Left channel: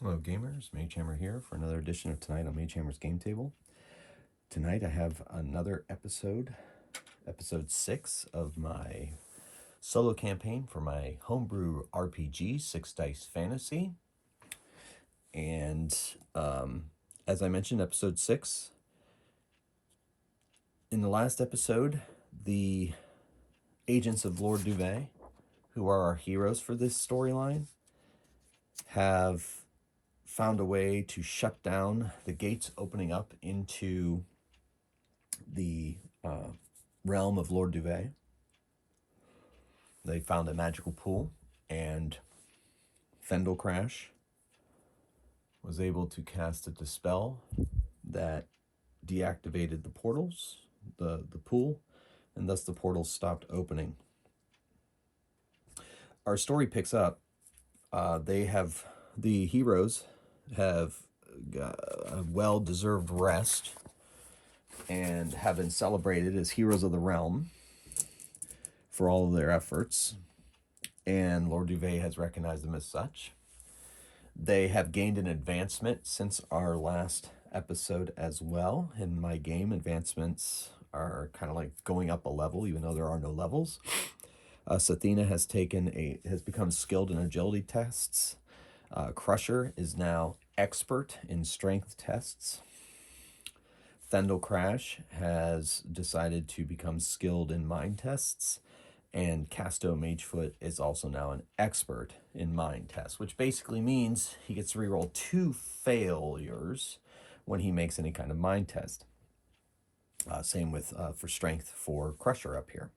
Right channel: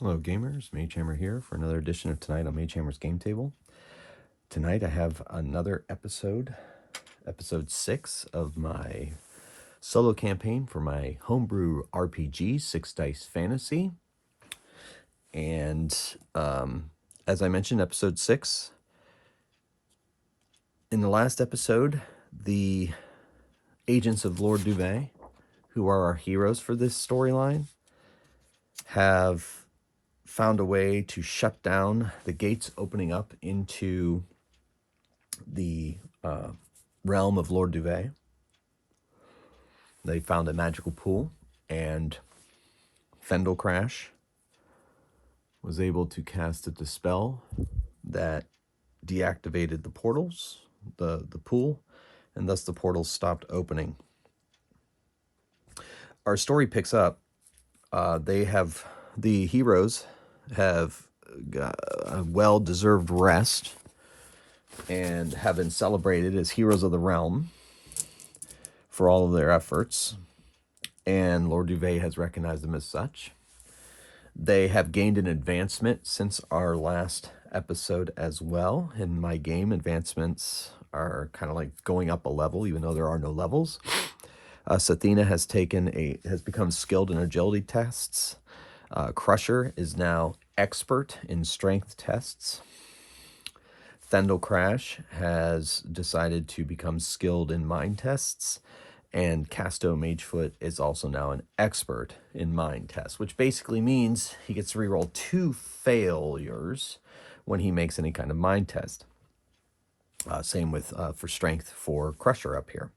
Hello gamers, Magehammer here for another edition of Tonight on Magehammer's Game Table. Tonight I have another episode 6 of my solo campaign for my homebrew RPG, 6 Dice Fantasy. And as I mentioned, episode 6, in the last episode, the Agents of Lord Duvet, who are our heroes for this storyline, have found a way to shut down the gates opening up into the realm of Lord Duvet. They found a magical pool, and Fendel Crash was able to cast a dispel that deactivated the portals, the pool, and thus the portals stopped opening. Our story picks up. The heroes have got a well-deserved rest and have been celebrated as heroes of the realm for all of their efforts, and Lord Duvet has recognized them as such. They have gained an advancement since our last episode as well. In my game, advancements are kind of like going up a level, even though there are no levels. Sathina has become skilled in agility tests. Crusher is now expert in strength tests. Fendel Crash has decided to become skilled in mind tests, and Casto Magefoot is also now an expert in mind tests, which basically means he gets to reroll 2 failures when he makes any kind of mind test. Same with for strength for Crusher up here.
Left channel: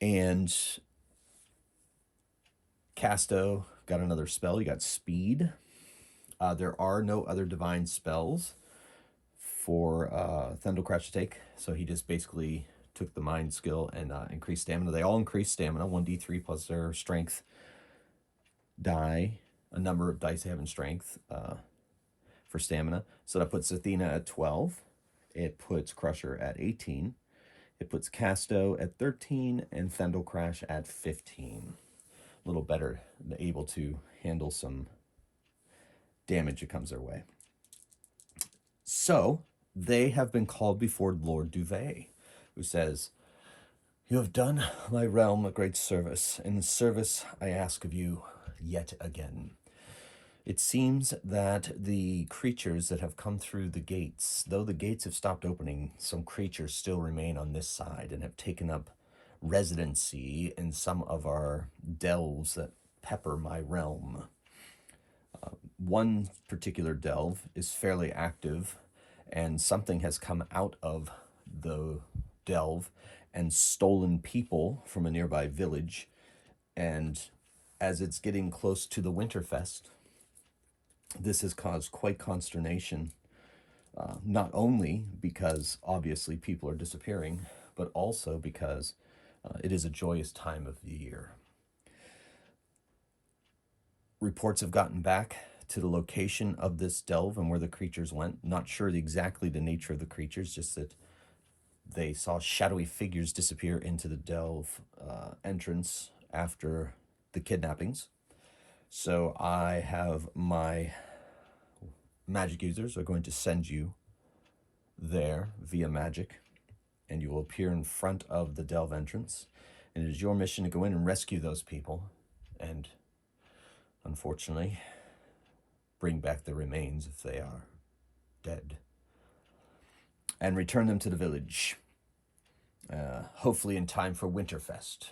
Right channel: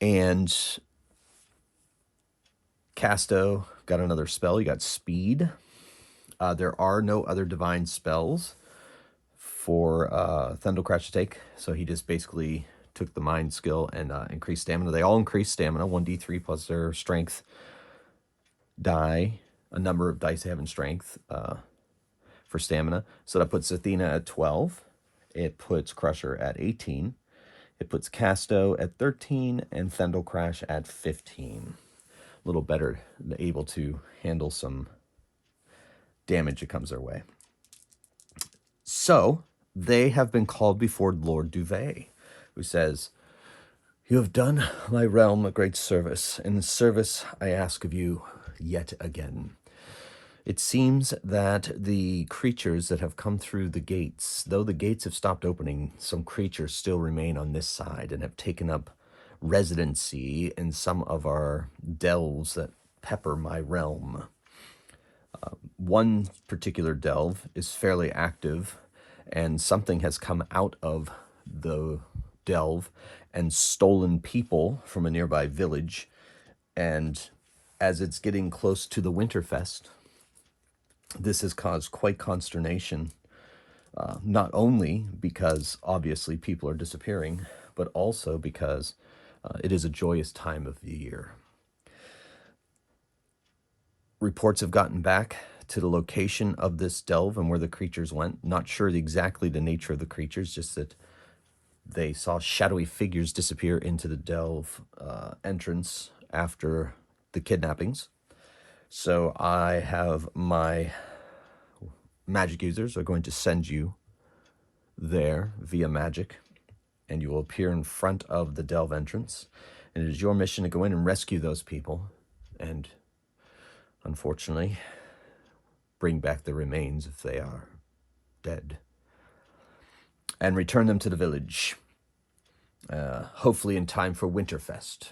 And Casto got another spell. He got speed. There are no other divine spells for Fendel Crash to take, so he just basically took the mind skill and increased stamina. They all increase stamina, 1d3 plus their strength die, a number of dice they have in strength for stamina. So that puts Athena at 12. It puts Crusher at 18. It puts Casto at 13 and Fendel Crash at 15. A little better, able to handle some damage that comes their way. So they have been called before Lord Duvet, who says, "You have done my realm a great service. In the service I ask of you yet again. It seems that the creatures that have come through the gates, though the gates have stopped opening, some creatures still remain on this side and have taken up residency in some of our delves that pepper my realm. One particular delve is fairly active, and something has come out of the delve and stolen people from a nearby village. And as it's getting close to the Winterfest, this has caused quite consternation, not only because obviously people are disappearing, but also because it is a joyous time of the year. Reports have gotten back to the location of this delve and where the creatures went. Not sure exactly the nature of the creatures, just that they saw shadowy figures disappear into the delve entrance after the kidnappings. So I have my magic users are going to send you there via magic, and you will appear in front of the delve entrance. And it is your mission to go in and rescue those people and, unfortunately, bring back the remains if they are dead, and return them to the village, hopefully in time for Winterfest.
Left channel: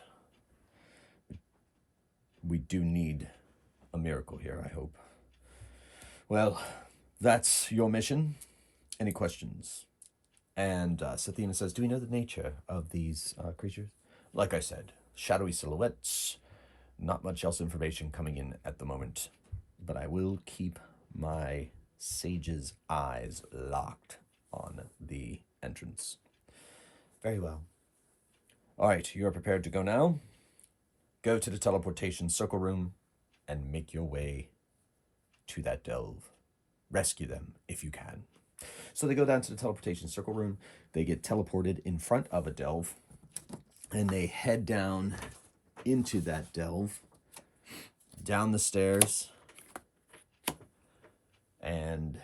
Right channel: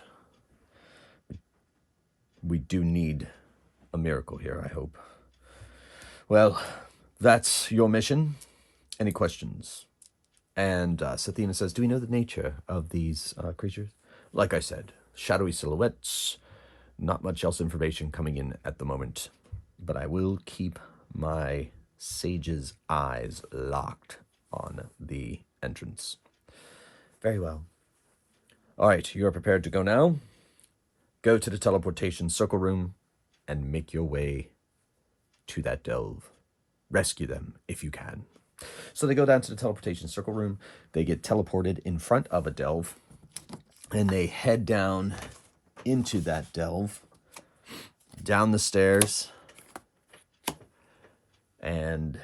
We do need a miracle here, I hope. Well, that's your mission. Any questions?" And Sathina says, "Do we know the nature of these creatures?" "Like I said, shadowy silhouettes, not much else information coming in at the moment. But I will keep my sage's eyes locked on the entrance." "Very well. All right, you are prepared to go now. Go to the teleportation circle room and make your way to that delve. Rescue them if you can." So they go down to the teleportation circle room. They get teleported in front of a delve, and they head down into that delve, down the stairs, and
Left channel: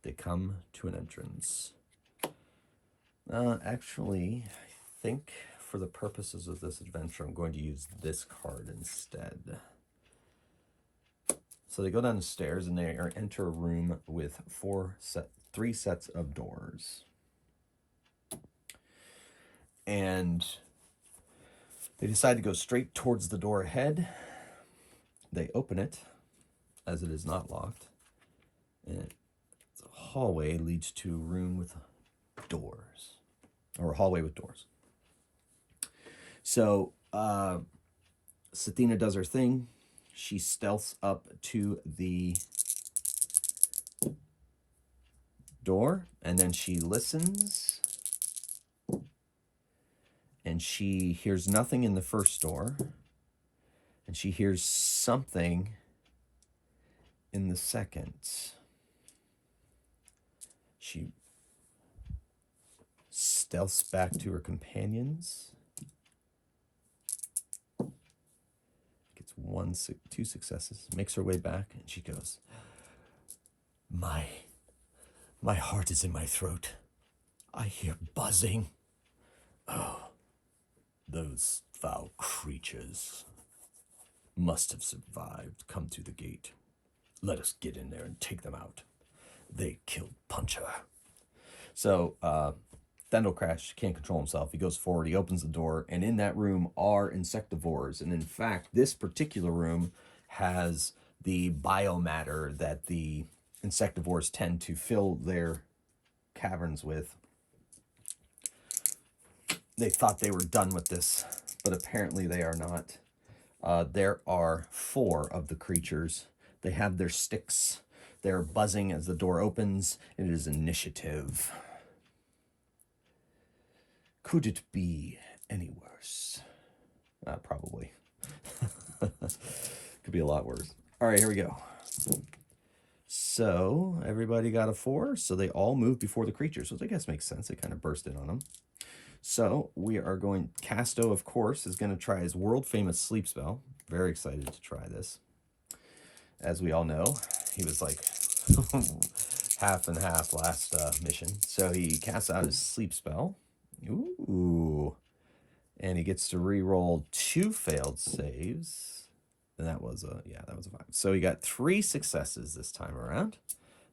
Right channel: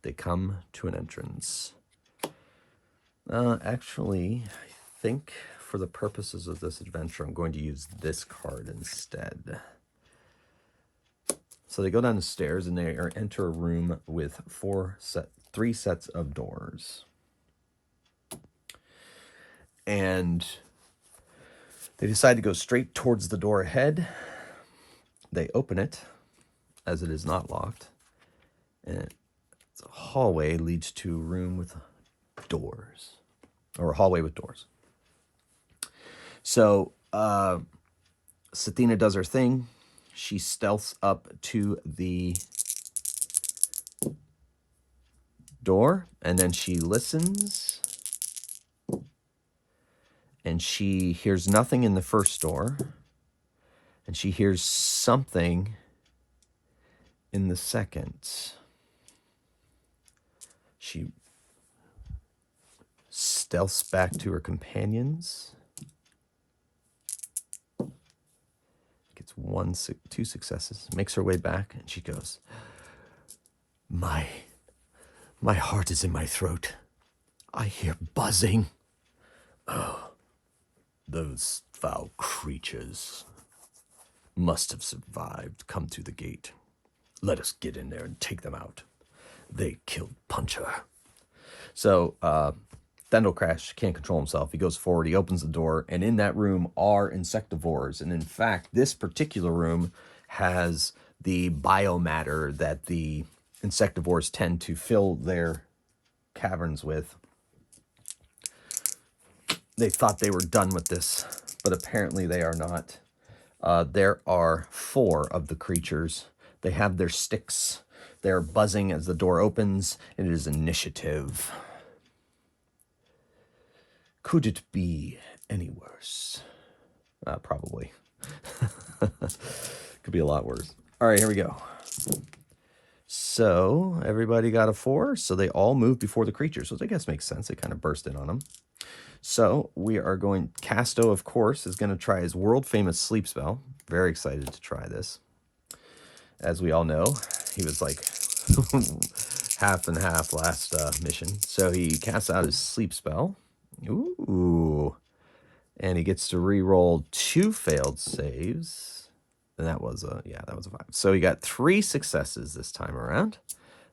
they come to an entrance. Actually, I think for the purposes of this adventure, I'm going to use this card instead. So they go down the stairs and they enter a room with three sets of doors. And they decide to go straight towards the door ahead. They open it, as it is not locked. And it's a hallway leads to a room with doors. Or a hallway with doors. So, Sathina does her thing. She stealths up to the door, and then she listens. And she hears nothing in the first door. And she hears something in the second. She stealths back to her companions. Gets two successes. Makes her way back, and she goes, My heart is in my throat. I hear buzzing. Oh, those foul creatures must have survived, come through the gate. Let us get in there and take them out. They killed Puncher. So, Thendalcrash can't control himself. He goes forward, he opens the door, and in that room are insectivores. And in fact, this particular room has the biomatter that the insectivores tend to fill their caverns with. They thought they were done with this, but apparently they are not. There are 4 of the creatures. They have their sticks. They're buzzing as the door opens. It is initiative. Could it be any worse? Probably. Could be a lot worse. All right, here we go. So everybody got a 4, so they all move before the creatures, which I guess makes sense. They kind of burst in on them. So we are going, Casto, of course, is going to try his world-famous sleep spell. Very excited to try this. As we all know, he was like half and half last mission. So he casts out his sleep spell. Ooh. And he gets to re-roll 2 failed saves. And that was a 5. So he got 3 successes this time around.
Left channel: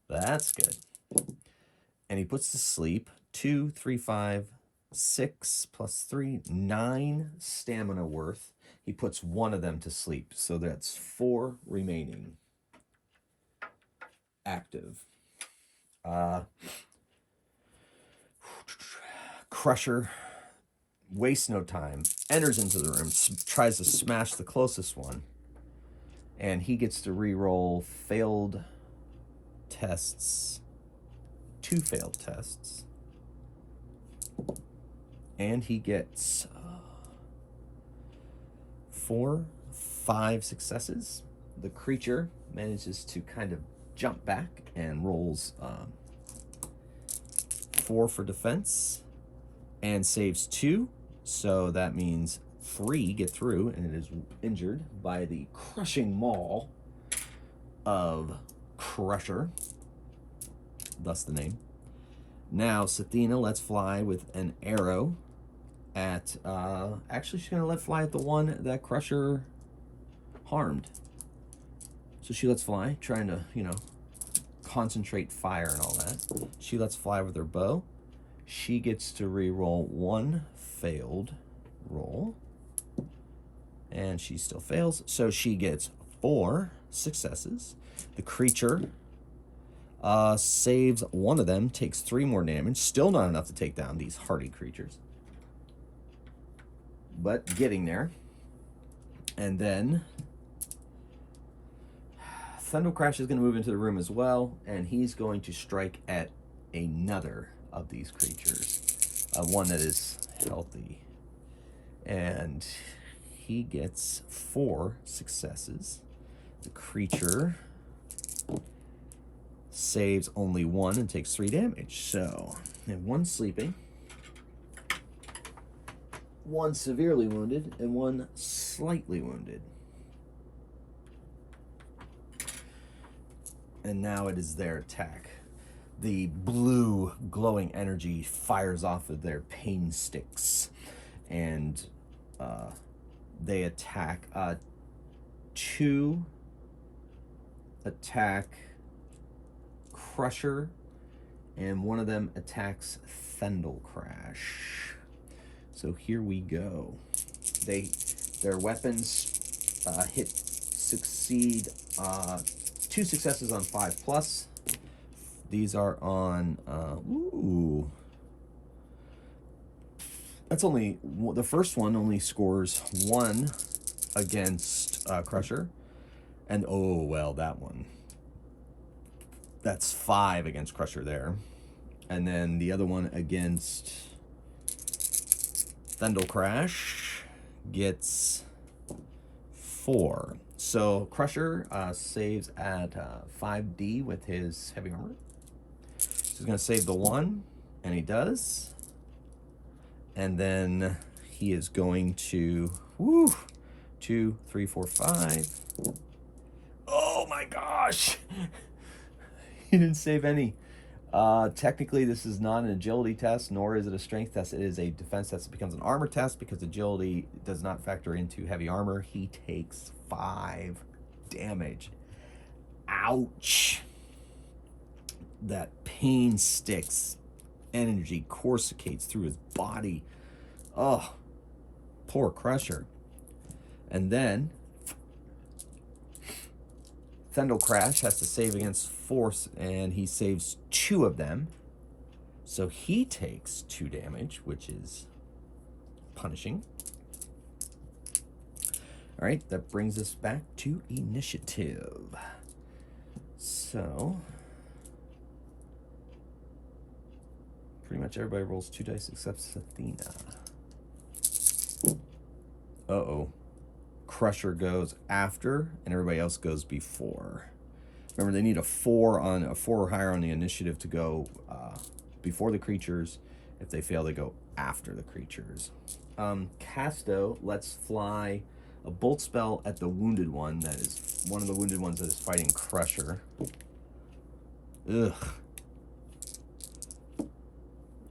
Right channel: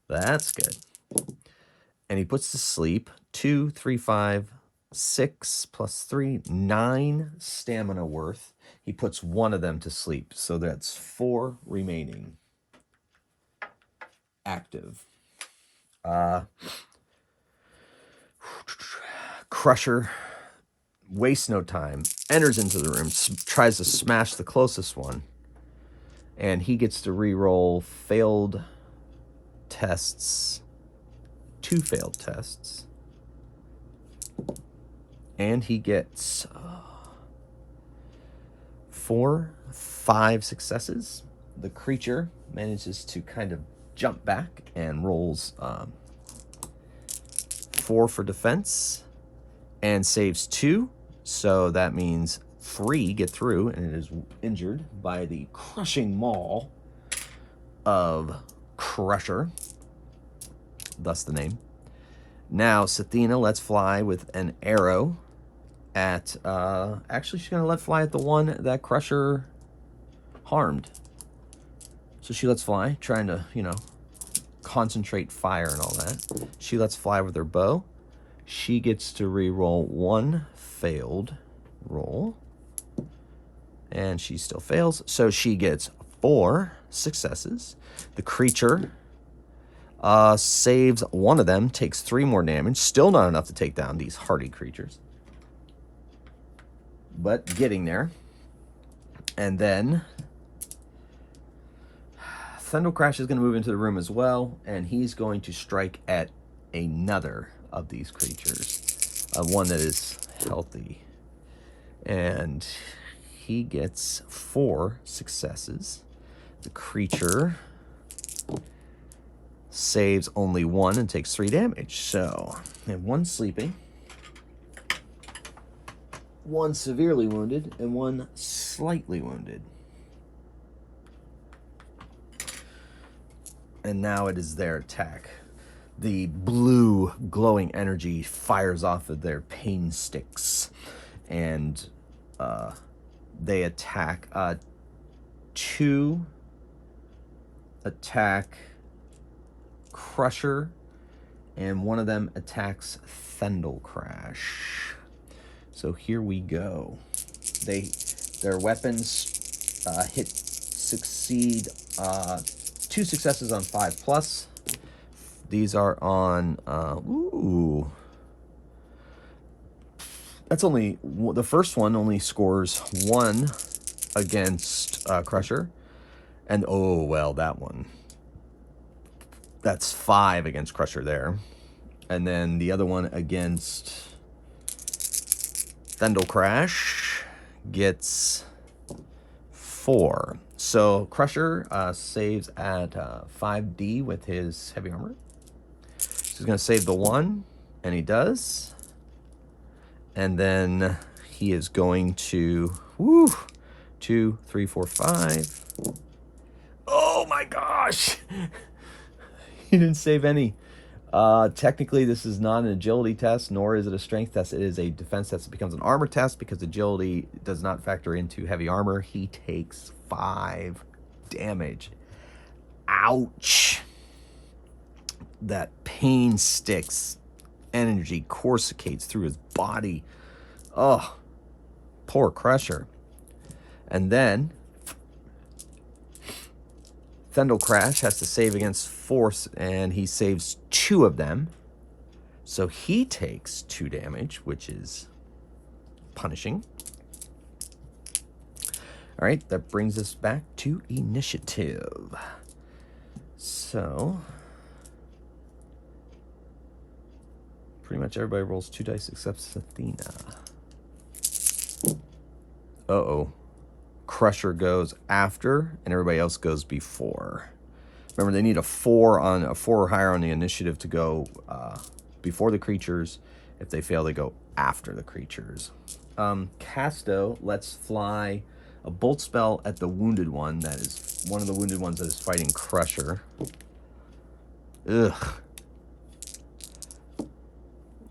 That's good. And he puts to sleep 2, 3, 5, 6 plus 3, 9 stamina worth. He puts 1 of them to sleep. So that's 4 remaining active. Crusher wastes no time, enters into the room, tries to smash the closest one, and he gets to re-roll failed tests, 2 failed tests, and he gets 5 successes. The creature manages to kind of jump back and rolls 4 for defense and saves 2. So that means 3 get through, and it is injured by the crushing maul of Crusher. Thus the name. Now Sathina lets fly with an arrow at, actually she's going to let fly at the one that Crusher harmed. So she lets fly, trying to, concentrate fire and all that. She lets fly with her bow. She gets to re-roll 1 failed roll. And she still fails. So she gets 4 successes. The creature saves 1 of them, takes 3 more damage. Still not enough to take down these hardy creatures. But getting there. And then Thendalcrash is going to move into the room as well, and he's going to strike at another of these creatures, one that is healthy. And he gets 4 successes. The creature saves only 1 and takes 3 damage. So, we have 1 sleeping, 1 severely wounded, and 1 slightly wounded. And now it is their attack. The blue glowing energy fires off of their pain sticks, and they attack. Two attack Crusher, and one of them attacks Fendel Crash. So here we go. Their weapons succeed 2 successes on 5+. These are on that's only the first one only scores 1 against Crusher, and oh well, that one, that's 5 against Crusher there, and then the other one against Fendel Crash gets 4. So Crusher saves at 5D with his heavy armor. So he's going to save the 1, and he does. And then he is going to 2, 3, 4, 5. Oh my gosh! He didn't save any. Technically, this is not an agility test, nor is it a strength test. It is a defense test. It becomes an armor test because agility does not factor into heavy armor. He takes 5 damage. Ouch. That pain sticks. Energy coruscates through his body. Oh, poor Crusher. And then Fendel Crash has to save against force, and he saves 2 of them. So he takes 2 damage, which is punishing. All right, that brings us back to initiative. So pretty much everybody rolls 2 dice except Athena. Uh-oh. Crusher goes after, and everybody else goes before. Remember, they need a 4 or higher on the initiative to go before the creatures. If they fail, they go after the creatures. Casto lets fly a bolt spell at the wounded one. That is one of the wounded ones that is fighting Crusher. Ugh.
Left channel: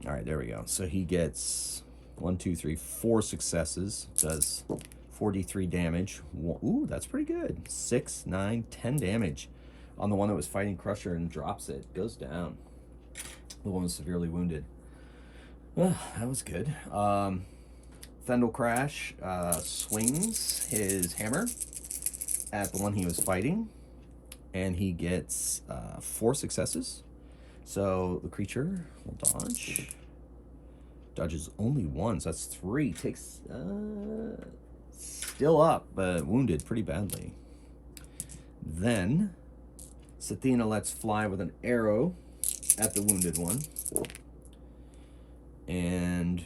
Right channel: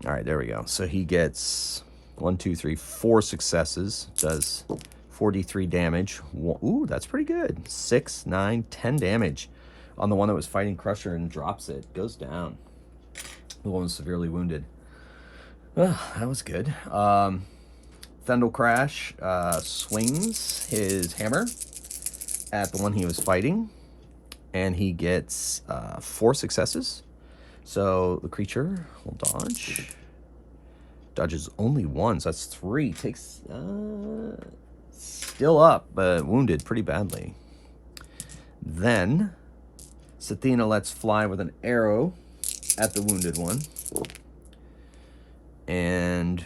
All right, there we go. So he gets 1, 2, 3, 4 successes. Does 43 damage. Ooh, that's pretty good. 6, 9, 10 damage on the one that was fighting Crusher, and drops it. Goes down. The one was severely wounded. Oh, that was good. Fendel Crash swings his hammer at the one he was fighting, and he gets 4 successes. So the creature will dodge. Dodges only 1, so that's 3. Takes still up, but wounded pretty badly. Then Sathina lets fly with an arrow at the wounded one. And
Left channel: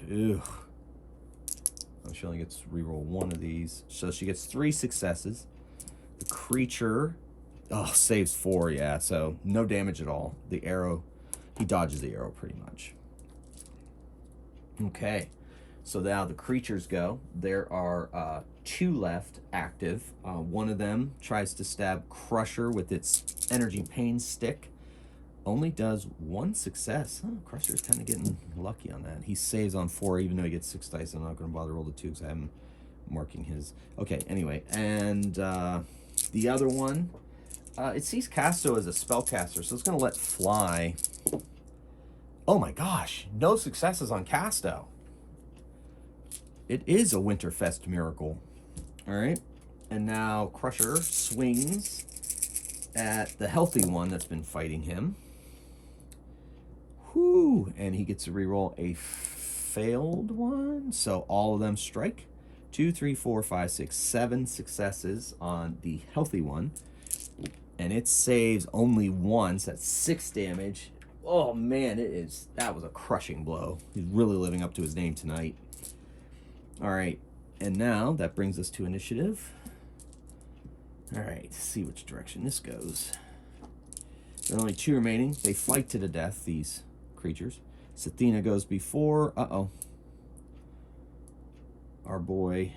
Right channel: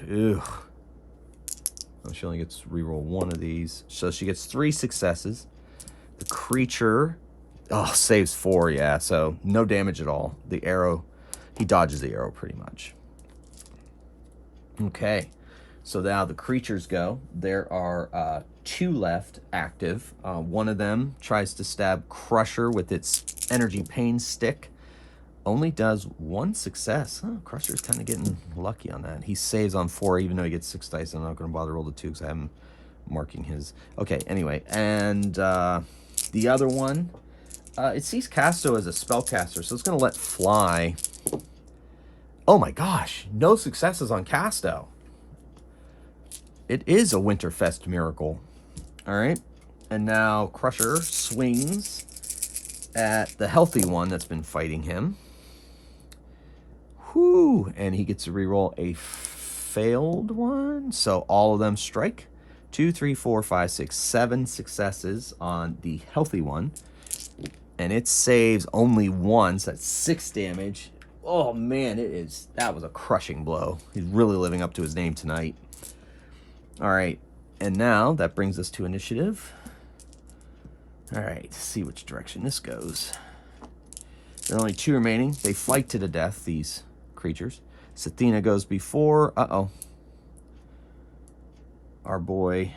she only gets to reroll 1 of these. So she gets 3 successes. The creature saves 4, yeah, so no damage at all. The arrow, he dodges the arrow pretty much. Okay, so now the creatures go. There are 2 left active. One of them tries to stab Crusher with its energy pain stick. Only does 1 success. Crusher's kind of getting lucky on that. He saves on 4, even though he gets 6 dice. I'm not going to bother to roll the 2 because I have him marking his. Okay, anyway, and the other one, it sees Casto as a spellcaster, so it's going to let fly. Oh my gosh, no successes on Casto. It is a Winterfest miracle. All right, and now Crusher swings at the healthy one that's been fighting him. Whoo, and he gets to reroll a failed one. So all of them strike. 2, 3, 4, 5, 6, 7 successes on the healthy one. And it saves only 1, so that's 6 damage. Oh man, that was a crushing blow. He's really living up to his name tonight. All right, and now that brings us to initiative. All right, let's see which direction this goes. There are only 2 remaining. They fight to the death, these creatures. Sathina goes before. Our boy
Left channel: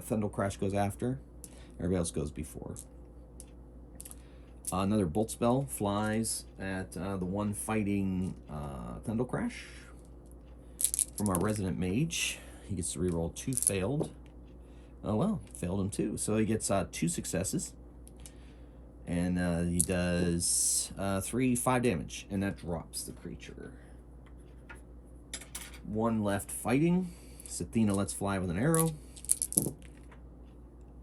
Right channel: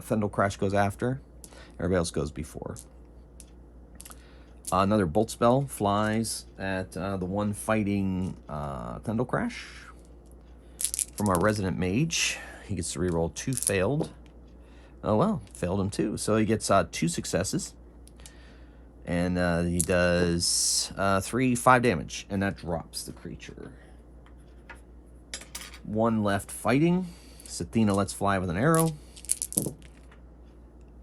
Fendel Crash goes after. Everybody else goes before. Another bolt spell flies at the one fighting Thundel Crash from our resident mage. He gets to reroll 2 failed. Oh well, failed him too. So he gets 2 successes. And he does 5 damage, and that drops the creature. 1 left fighting. Sathina lets fly with an arrow.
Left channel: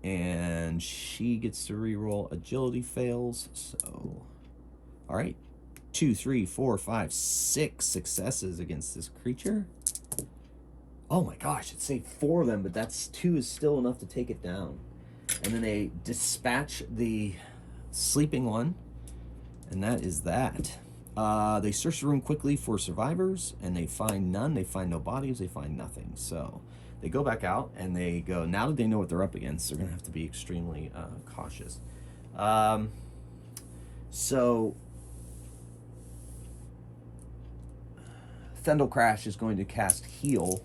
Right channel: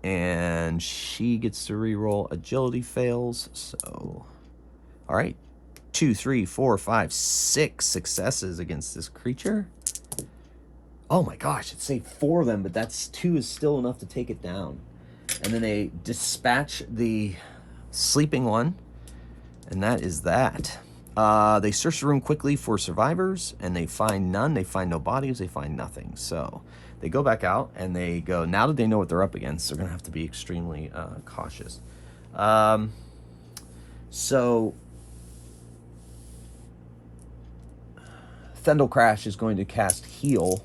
And she gets to reroll agility fails. So, all right. 2, 3, 4, 5, 6 successes against this creature. Oh my gosh, it saved 4 of them, but that's 2 is still enough to take it down. And then they dispatch the sleeping one, and that is that. They search the room quickly for survivors, and they find none. They find no bodies. They find nothing. So they go back out, and they go, now that they know what they're up against, they're going to have to be extremely cautious. So Thundel Crash is going to cast Heal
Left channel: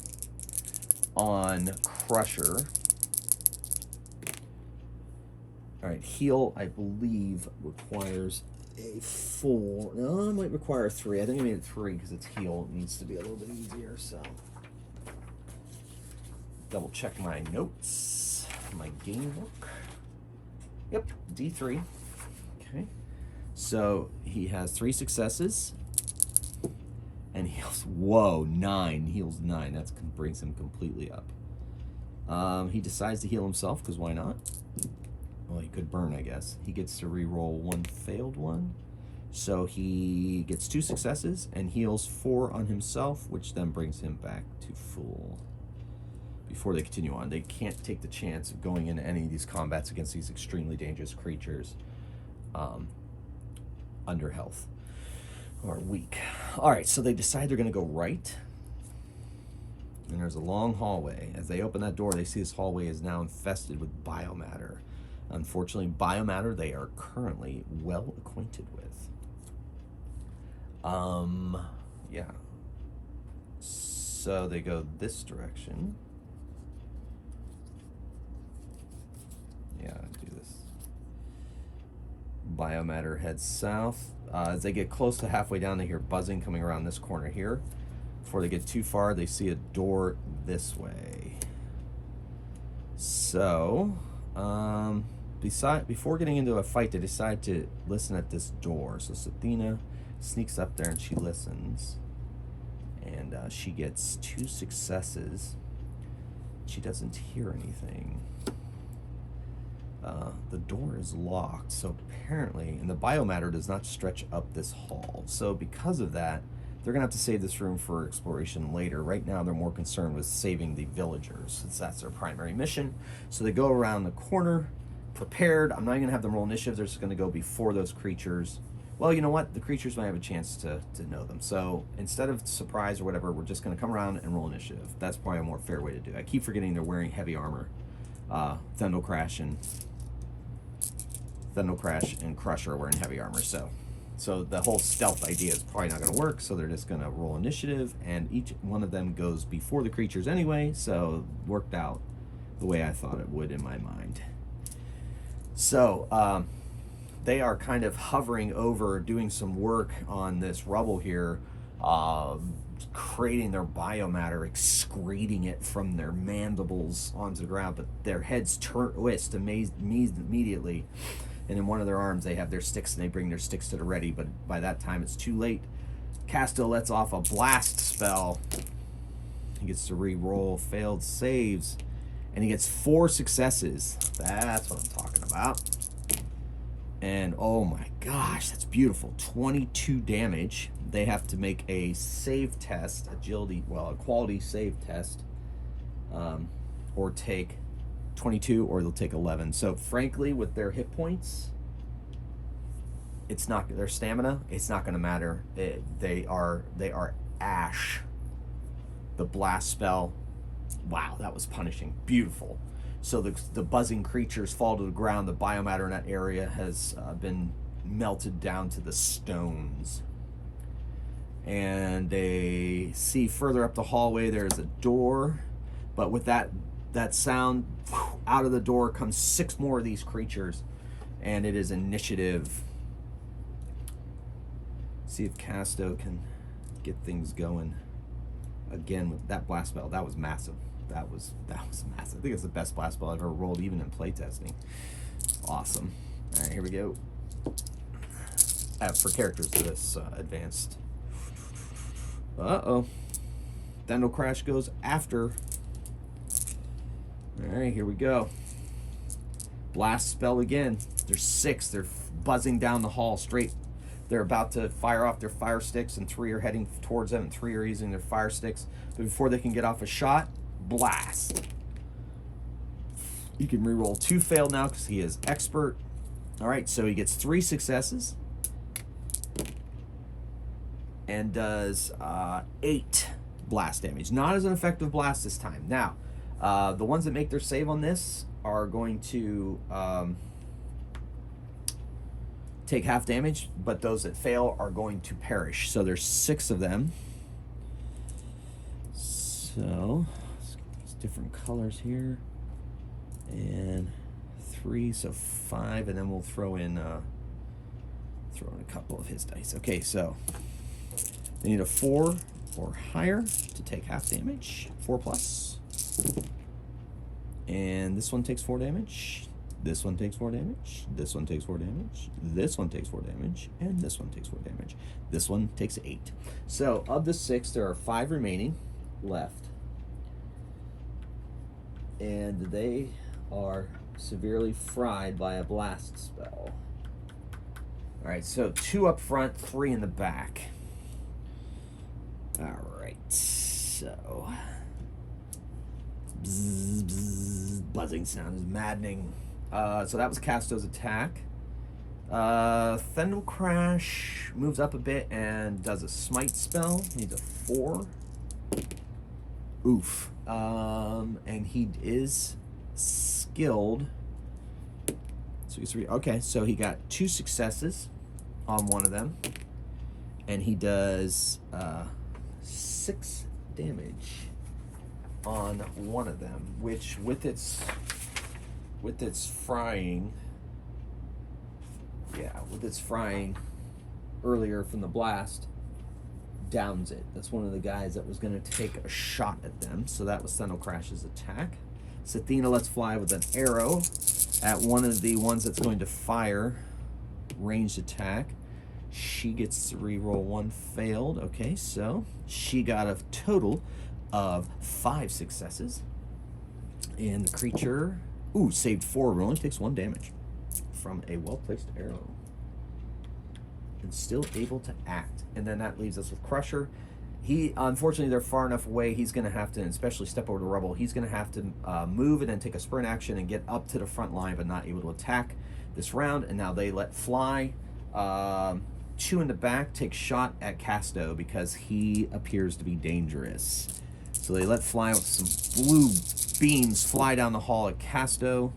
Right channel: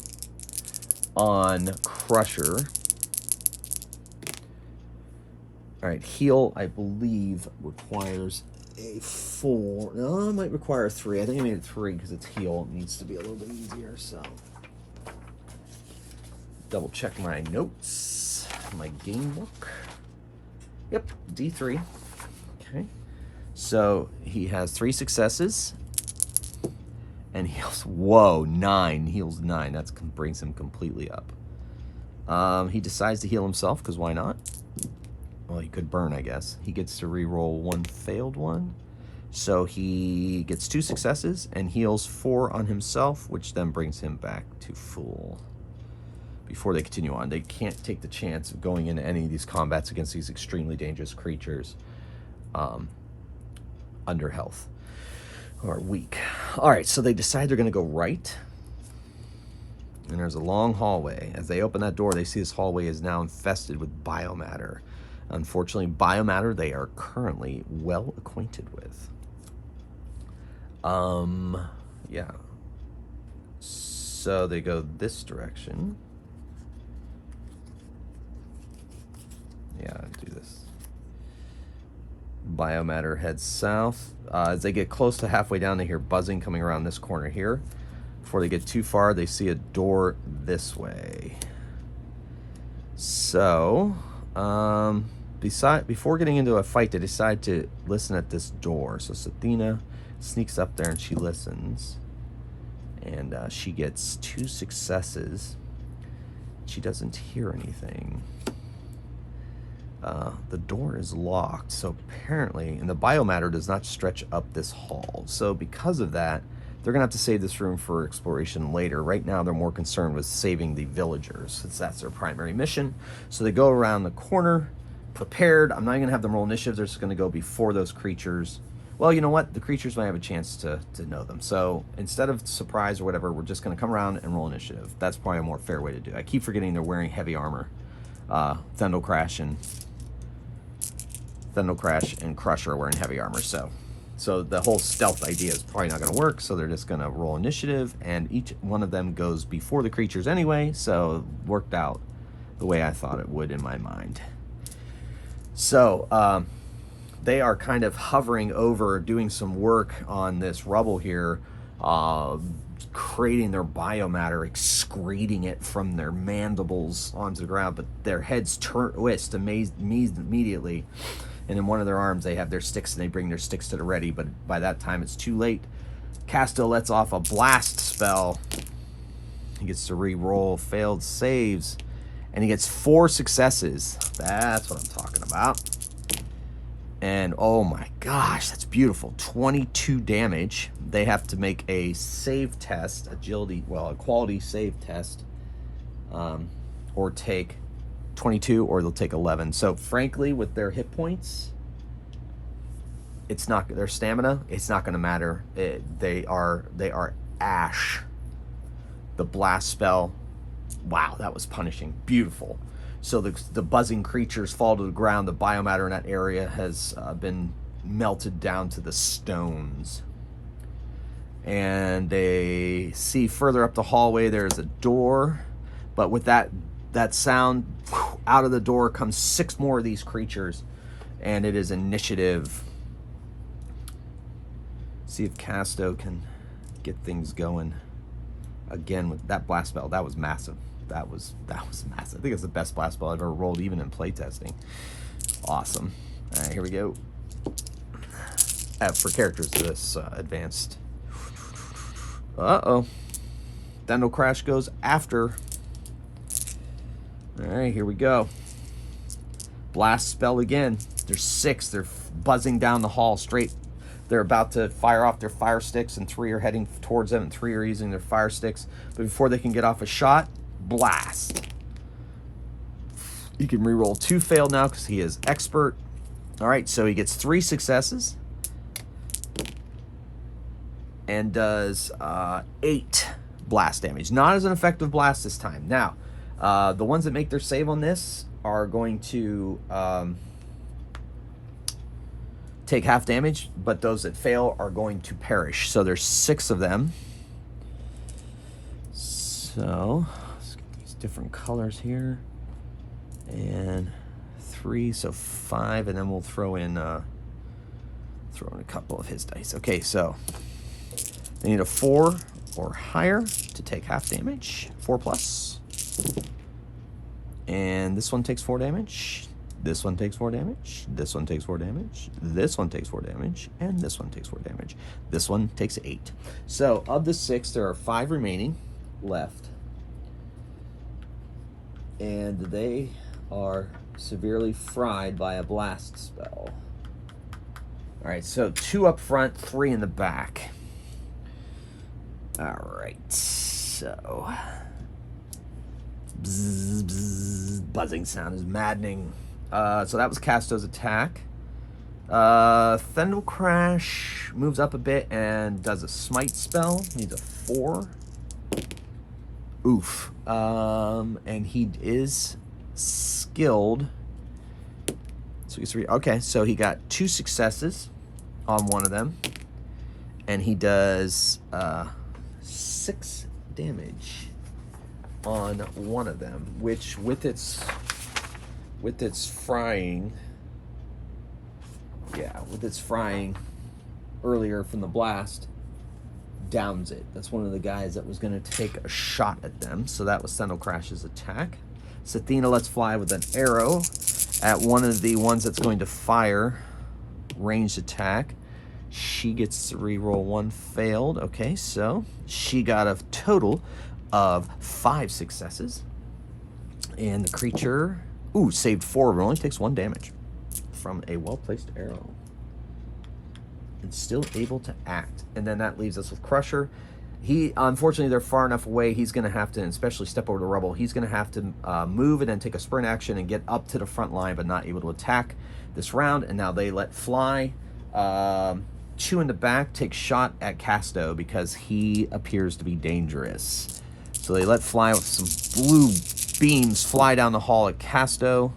on Crusher. All right, Heal, I believe, requires a 4. No, it might require 3. I think I made it 3 because it's Heal. It needs to be a little bit easier, so. Double check my notes, my game book. Yep, D3. Okay. So he has 3 successes. And heals, whoa, 9. Heals 9. That brings him completely up. He decides to heal himself, because why not? Well, he could burn, I guess. He gets to reroll 1 failed one. So he gets 2 successes and heals 4 on himself, which then brings him back to full. Before they continue on, they can't take the chance of going into any of these combats against these extremely dangerous creatures under health or weak. All right, so they decide they're going to go right. And there's a long hallway. As they open that door, they see this hallway is now infested with biomatter. Unfortunately, biomatter they are currently well acquainted with. Yeah. So they go this direction. Yeah, do this. Biomatter heads south. As they get close to halfway down, they hear buzzing coming around this corner here. Before they get too far, they see a door this way. So, before getting into a fight, they decide to listen at this door. So Sathina sneaks up there and she listens. And she gets 2 successes. She doesn't hear anything. The door is locked, so apparently, and the biomatter does not stretch up this hall. So because of that, they're going to have to save this room for exploration later. Right now, they're more concerned with saving the villagers, since that's their primary mission. So they go around the corner, prepared. I'm not going to have them roll initiative. They're just going to go before those creatures. Well, you know what? The creatures might have a chance to know them. So instead of surprise or whatever, we're just going to come around and roll initiative. That's probably a more fair way to do it. I keep forgetting they're wearing heavy armor. Thundel Crash and Crusher are wearing heavy armor, so the whole stealth idea is probably not going to work, so they're just going to roll initiative, and each one of them goes before the creatures anyway, so it worked out the way I thought it would in my mind. So they are kind of hovering over, doing some work on this rubble here, creating their biomatter, excreting it from their mandibles onto the ground, but their heads twist immediately. And in one of their arms, they have their sticks, and they bring their sticks to the ready. But by that time, it's too late. Castiel lets off a blast spell. He gets to re-roll failed saves. And he gets 4 successes. That's what I'm talking about. And oh my gosh, that's beautiful. 22 damage. They have to make a save test, a quality save test. Or take 22, or they'll take 11. So frankly, with their hit points, it's not their stamina. It's not going to matter. They are ash. The blast spell. Wow, that was punishing. Beautiful. So the buzzing creatures fall to the ground. The biomatter in that area has been melted down to the stones. And they see further up the hallway there's a door, but with that sound, out of the door comes 6 more of these creatures, and it is initiative See if Casto can get things going again with that blast spell. That was massive. That was massive. I think it's the best blast spell I've ever rolled, even in playtesting. Awesome. All right, here we go. For characters this advanced. Uh-oh. Dendel Crash goes after. All right, here we go. Blast spell again. There's 6. They're buzzing down the hall straight. They're about to fire off their fire sticks, and 3 are heading towards them, and 3 are using their fire sticks. But before they can get off a shot, blast. You can reroll 2 failed now because he is expert. All right, so he gets 3 successes and does 8 blast damage. Not as an effective blast this time. Now, the ones that make their save on this are going to take half damage, but those that fail are going to perish. So there's 6 of them. So let's get these different colors here. And 3, so 5, and then we'll throw in a couple of his dice. Okay, so they need a 4 or higher to take half damage, 4 plus. And this one takes 4 damage. This one takes 4 damage. This one takes 4 damage. This one takes 4 damage. And this one takes 4 damage. This one takes 8. So of the 6, there are 5 remaining left. And they are severely fried by a blast spell. All right, so 2 up front, 3 in the back. All right, so bzz, bzz, buzzing sound is maddening. So that was Casto's attack. Thendel Crash moves up a bit and does a smite spell. Needs a 4. Oof. And he is skilled. So he's 3. Okay, so he got 2 successes on one of them, and he does 6 damage on one of them, which with its frying, earlier from the blast, downs it. That's one of the guys that was going to take a shot at them. So that was Thendel Crash's attack. Sathina lets fly with an arrow at one of the ones that's going to fire ranged attack. She gets to reroll 1 failed. Okay, so she got a total of 5 successes. And the creature, saved 4, but only takes 1 damage from a well-placed arrow. And still able to act. And then that leaves us with Crusher. Unfortunately, they're far enough away, he's going to have to, especially step over the rubble, he's going to have to move and then take a sprint action and get up to the front line, but not able to attack this round. And now they let fly. 2 in the back take shot at Casto because he appears to be dangerous. So they let fly with some blue beams fly down the hall at Casto.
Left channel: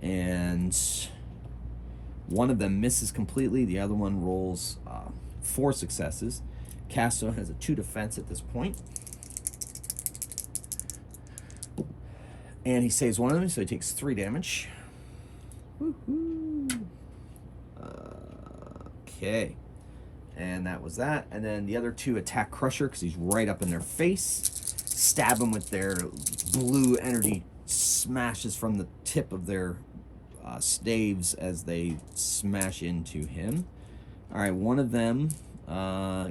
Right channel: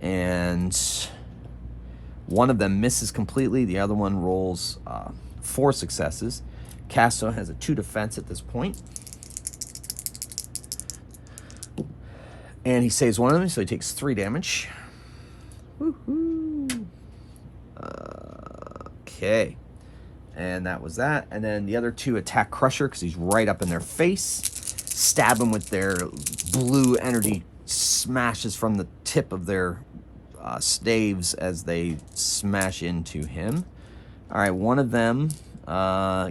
And one of them misses completely. The other one rolls 4 successes. Casto has a 2 defense at this point. And he saves one of them, so he takes 3 damage. Woohoo! Okay. And that was that. And then the other 2 attack Crusher because he's right up in their face. Stab him with their blue energy smashes from the tip of their staves as they smash into him. All right, one of them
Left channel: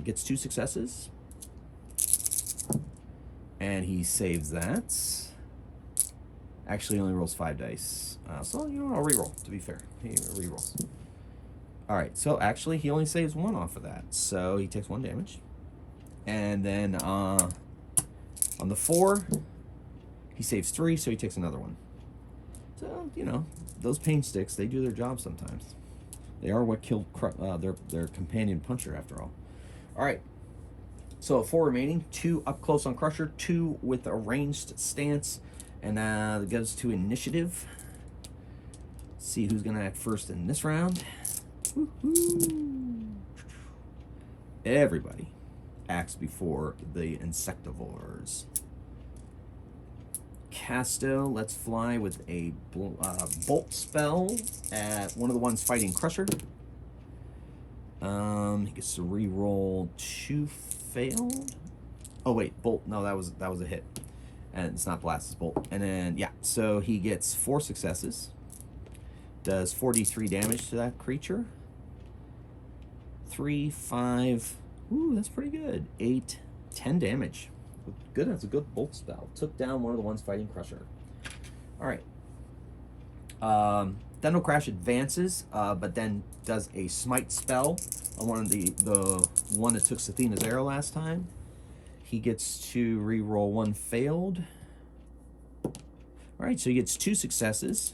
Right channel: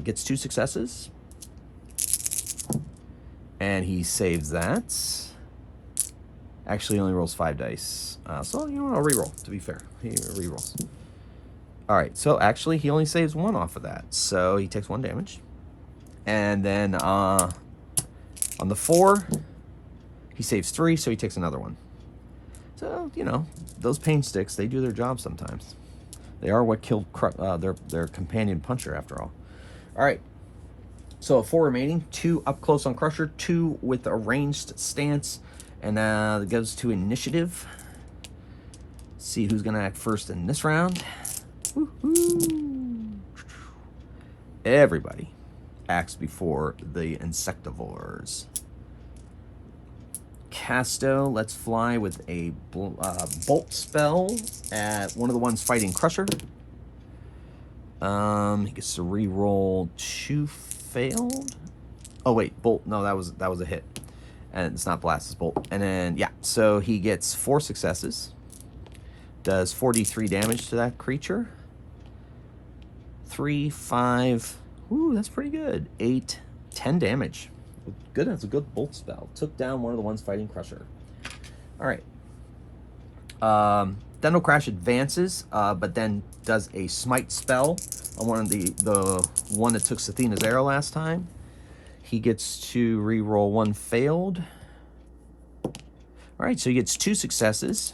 gets 2 successes. And he saves that. Actually, he only rolls 5 dice. So, you know what? I'll reroll, to be fair. He rerolls. All right, so actually, he only saves 1 off of that. So, he takes 1 damage. And then on the 4, he saves 3, so he takes another 1. So, you know, those pain sticks, they do their job sometimes. They are what killed their companion puncher, after all. All right. So 4 remaining. 2 up close on Crusher. 2 with a ranged stance. And that goes to initiative. See who's going to act first in this round. Woo-hoo. Everybody acts before the insectivores. Casto lets fly with a bolt spell at one of the ones fighting Crusher. He gets to re-roll 2 failed. Oh wait, bolt. No, that was a hit, and it's not blast, it's bolt. And then yeah, so he gets 4 successes. Does 43 damage to that creature. 3, 5. Ooh, that's pretty good. 8, 10 damage. Good. That's a good bolt spell. Took down one of the ones fighting Crusher. All right. Dendal Crash advances, but then does a smite spell on one of the one that took Sathina's arrow last time. He gets to re-roll 1 failed. All right, so he gets 2 successes,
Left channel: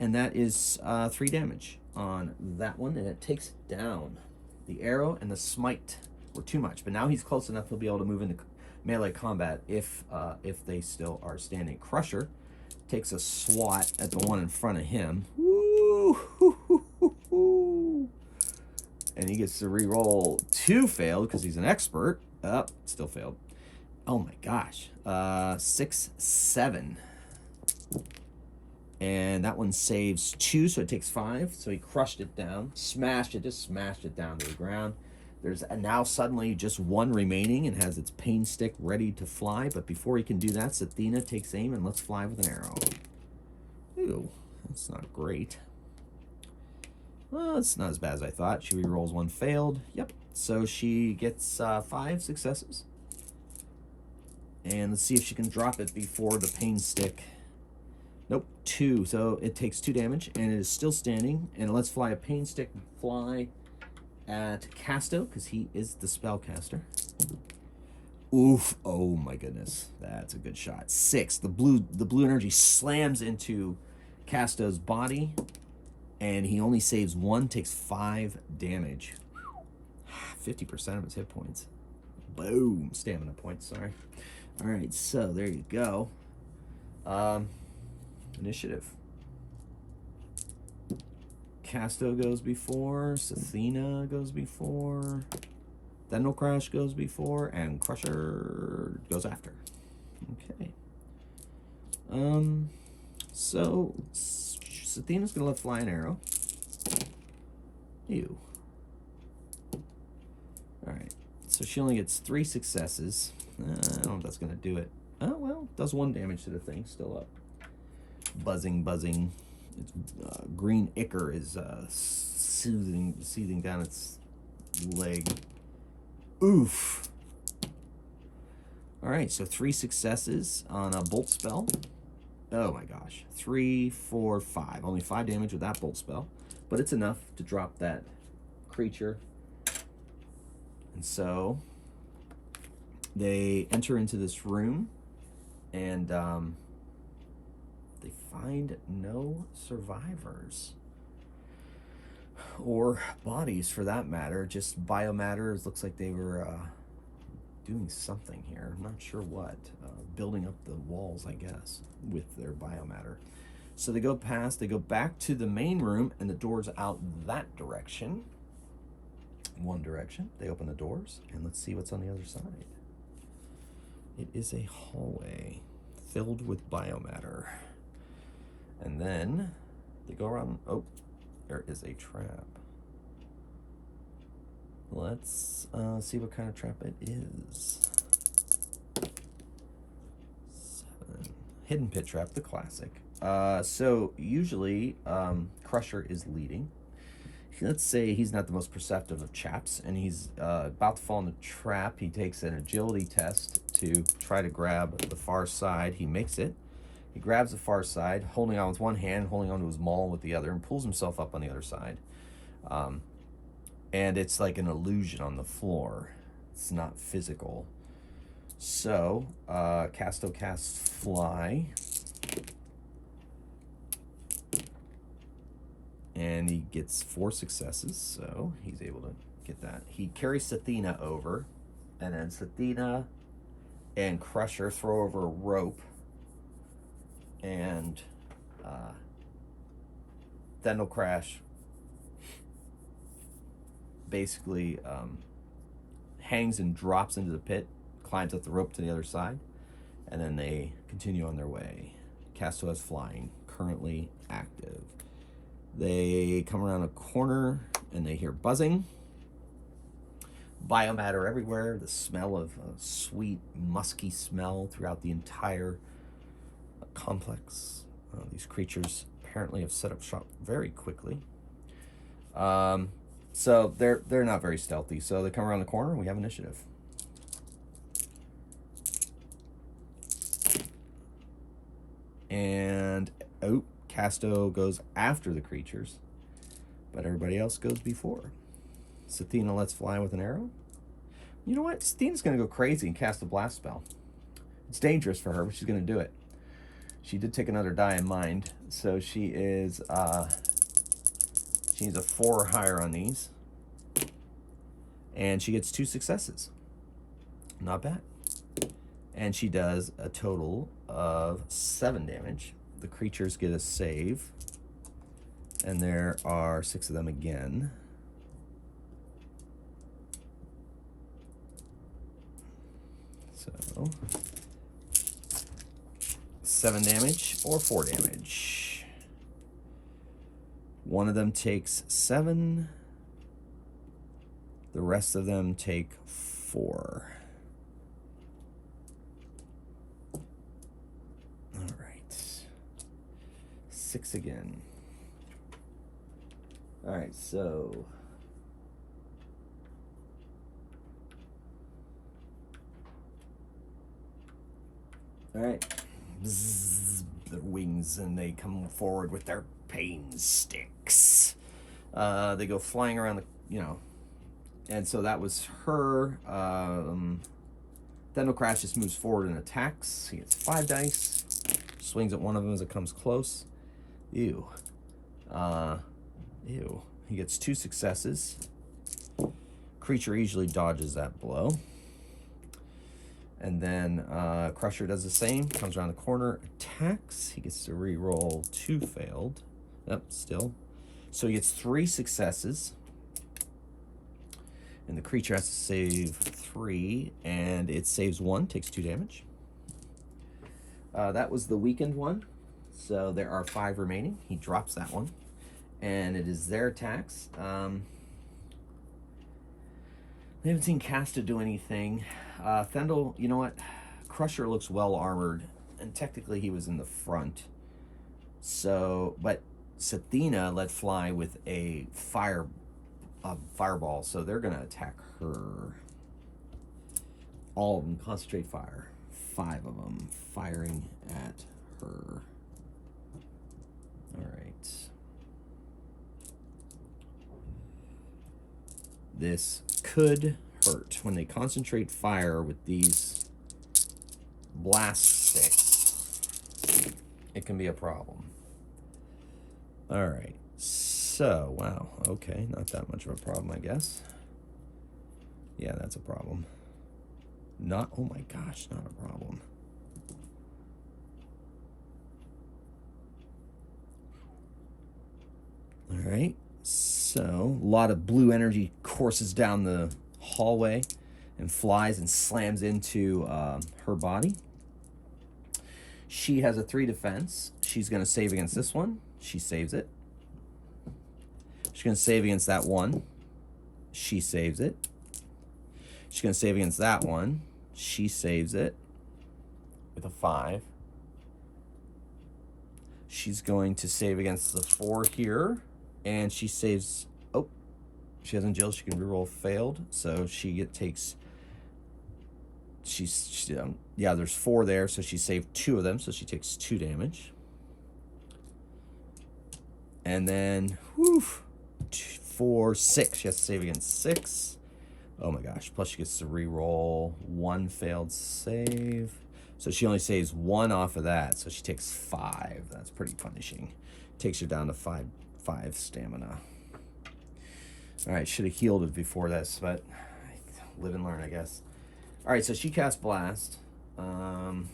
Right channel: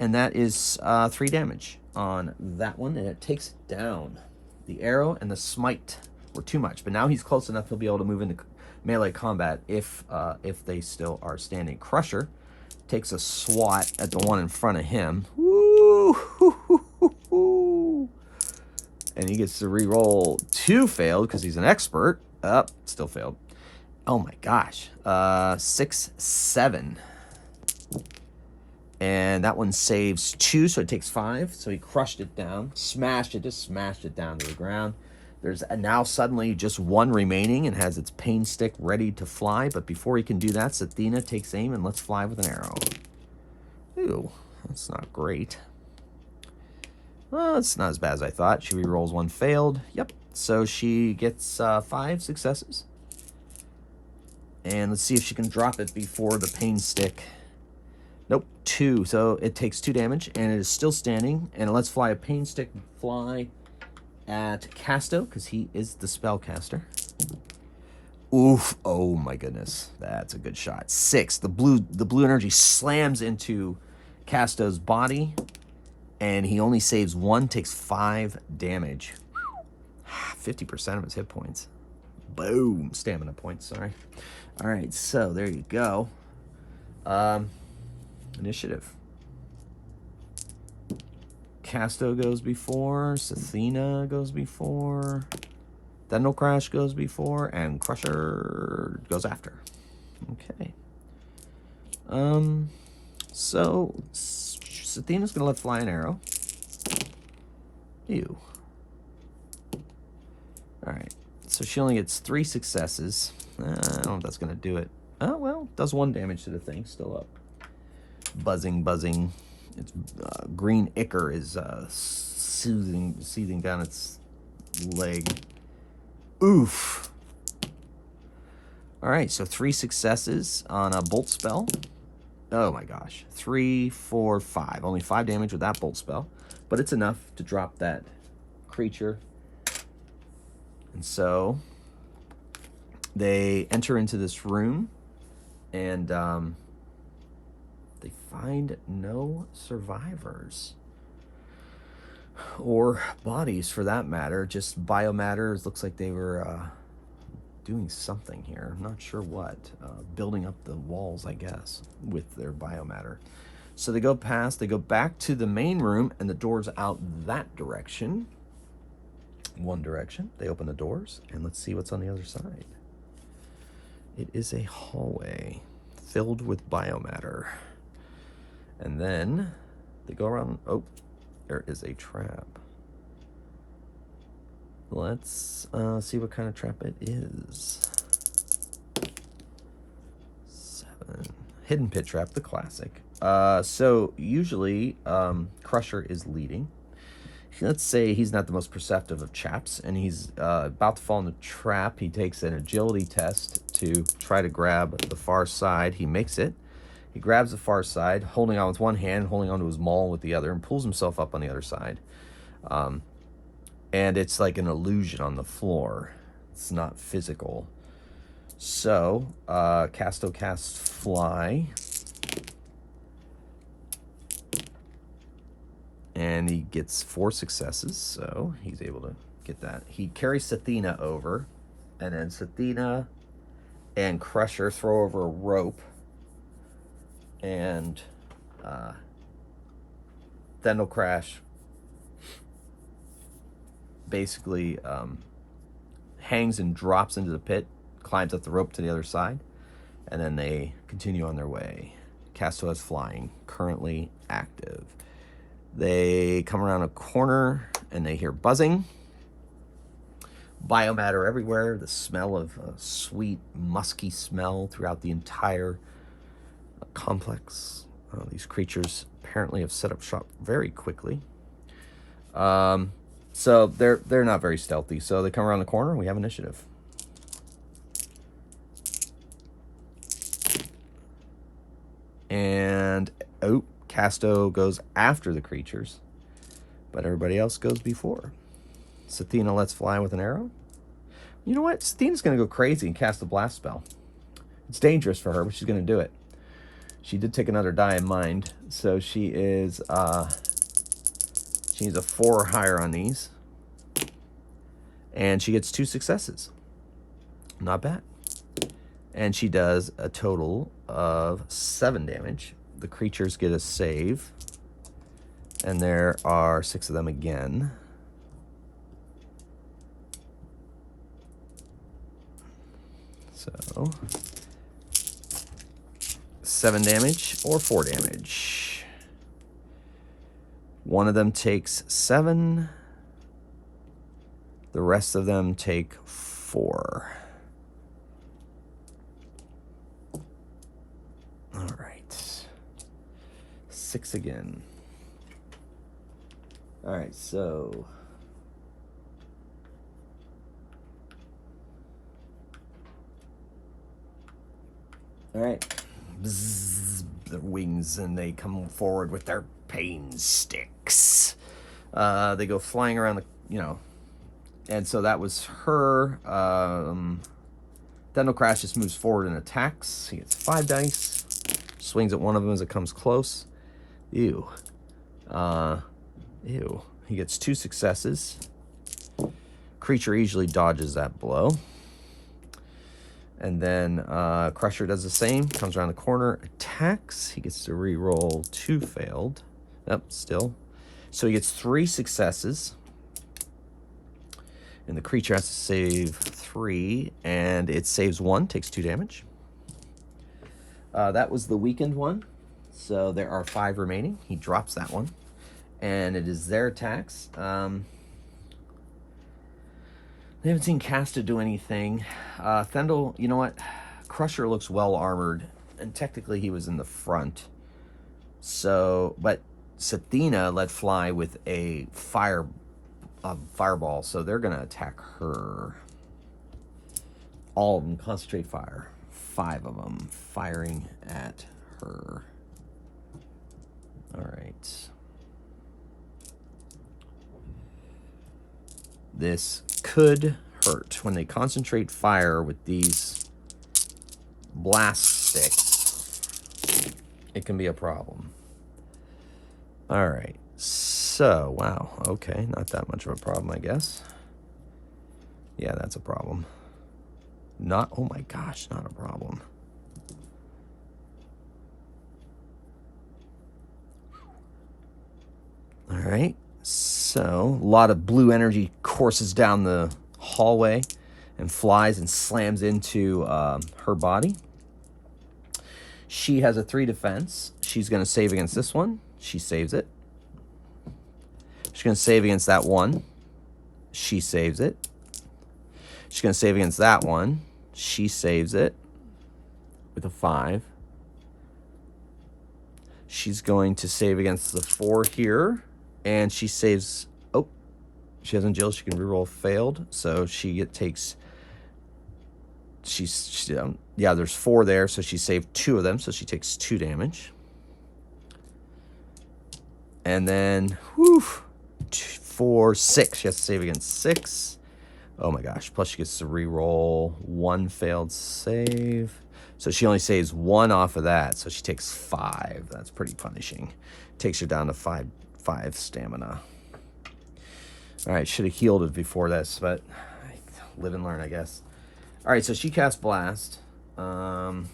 and that is 3 damage on that one, and it takes it down. The arrow and the smite were too much, but now he's close enough he'll be able to move into melee combat if they still are standing. Crusher takes a swat at the one in front of him. Woo! And he gets to re-roll 2 failed because he's an expert. Still failed. Oh my gosh. 6, 7. And that one saves 2, so it takes 5. So he crushed it down, smashed it down to the ground. There's now suddenly just 1 remaining and has its pain stick ready to fly. But before he can do that, Sathina takes aim and lets fly with an arrow. Ooh, that's not great. Well, it's not as bad as I thought. She re-rolls 1 failed. Yep. So she gets 5 successes. And let's see if she can drop it before the pain stick. Nope, 2. So it takes 2 damage, and it is still standing. And it lets fly a pain stick fly at Casto, because he is the spellcaster. Oof! Oh my goodness, that's a good shot. 6. The blue energy slams into Casto's body, and he only saves 1, takes 5 damage. 50% of his hit points. Boom! Stamina points. Sorry. All right, so there you go. Initiative. Casto goes before, Sathina goes before, Dendal Crash goes before, and Crusher goes after. Okay. So Sathina's gonna let fly an arrow. Ew. Alright. So she only gets 3 successes. I don't know if that's gonna do it. Oh well, does 1 damage to the thing, still up. Buzzing. Its green ichor is seething down its leg. Oof. All right, so 3 successes on a bolt spell. Oh my gosh. 3, 4, 5. Only 5 damage with that bolt spell. But it's enough to drop that creature. And so they enter into this room, and they find no survivors. Or bodies, for that matter. Just biomatter. It looks like they were doing something here. I'm not sure what. Building up the walls, I guess, with their biomatter. So they go back to the main room, and the door's out that direction. One direction. They open the doors, and let's see what's on the other side. It is a hallway filled with biomatter. And then they go around. Oh, there is a trap. Let's see what kind of trap it is. 7. Hidden pit trap, the classic. So usually Crusher is leading. Let's say he's not the most perceptive of chaps, and he's about to fall in the trap. He takes an agility test to try to grab the far side. He makes it. He grabs the far side, holding on with one hand, holding onto his maul with the other, and pulls himself up on the other side. And it's like an illusion on the floor. It's not physical. So, Casto casts Fly. And he gets 4 successes, so he's able to get that. He carries Sathina over, and then Sathina and Crusher throw over a rope, and Dendal Crash basically hangs and drops into the pit, climbs up the rope to the other side, and then they continue on their way. Casto is flying, currently active. They come around a corner, and they hear buzzing, biomatter everywhere. The smell of sweet, musky smell throughout the entire complex. These creatures apparently have set up shop very quickly. So they're not very stealthy. So they come around the corner and we have initiative. And Casto goes after the creatures, but everybody else goes before. Sathina lets fly with an arrow. You know what? Sathina's going to go crazy and cast a blast spell. It's dangerous for her, but she's going to do it. She did take another die in mind, so she is she's a 4 or higher on these, and she gets 2 successes. Not bad. And she does a total of 7 damage. The creatures get a save, and there are 6 of them again. So 7 damage or 4 damage. One of them takes 7. The rest of them take 4. All right. 6 again. All right, so all right. Bzzz, their wings, and they come forward with their pain sticks. They go flying around the, and so that was her. Dendel Crash just moves forward and attacks. He gets 5 dice. Swings at one of them as it comes close. Ew. Ew. He gets 2 successes. Creature easily dodges that blow. And then Crusher does the same. Comes around the corner, attacks. He gets to re-roll 2 failed. Yep, still. So he gets 3 successes. And the creature has to save 3. And it saves 1, takes 2 damage. That was the weakened one. So there are 5 remaining. He drops that one. And it is their attacks. We haven't seen Casta do anything. Thendel, you know what? Crusher looks well armored, and technically he was in the front. So, but Sathina let fly with a fireball, so they're gonna attack her. All of them concentrate fire. 5 of them firing at her. All right. This could hurt. When they concentrate fire with these blast sticks, it can be a problem. All right. So, wow. Okay, not that much of a problem, I guess. Yeah, that's a problem. Oh my gosh, not a problem. All right. So, a lot of blue energy courses down the hallway and flies and slams into her body. She has a 3 defense. She's going to save against this one. She saves it. She's going to save against that one. She saves it. She's going to save against that one. She saves it with a 5. She's going to save against the 4 here. And she saves. Oh, she has Jill. She can reroll failed, so she takes. Yeah, there's 4 there, so she saved 2 of them, so she takes 2 damage. And then, 4, 6. She has to save against 6. Oh my gosh! Plus she gets to reroll 1 failed save, so she only saves 1 off of that, so she takes 5. That's pretty punishing. Takes her down to 5 stamina. All right, should have healed it before this, but live and learn, I guess. All right, so she cast Blast. Thendel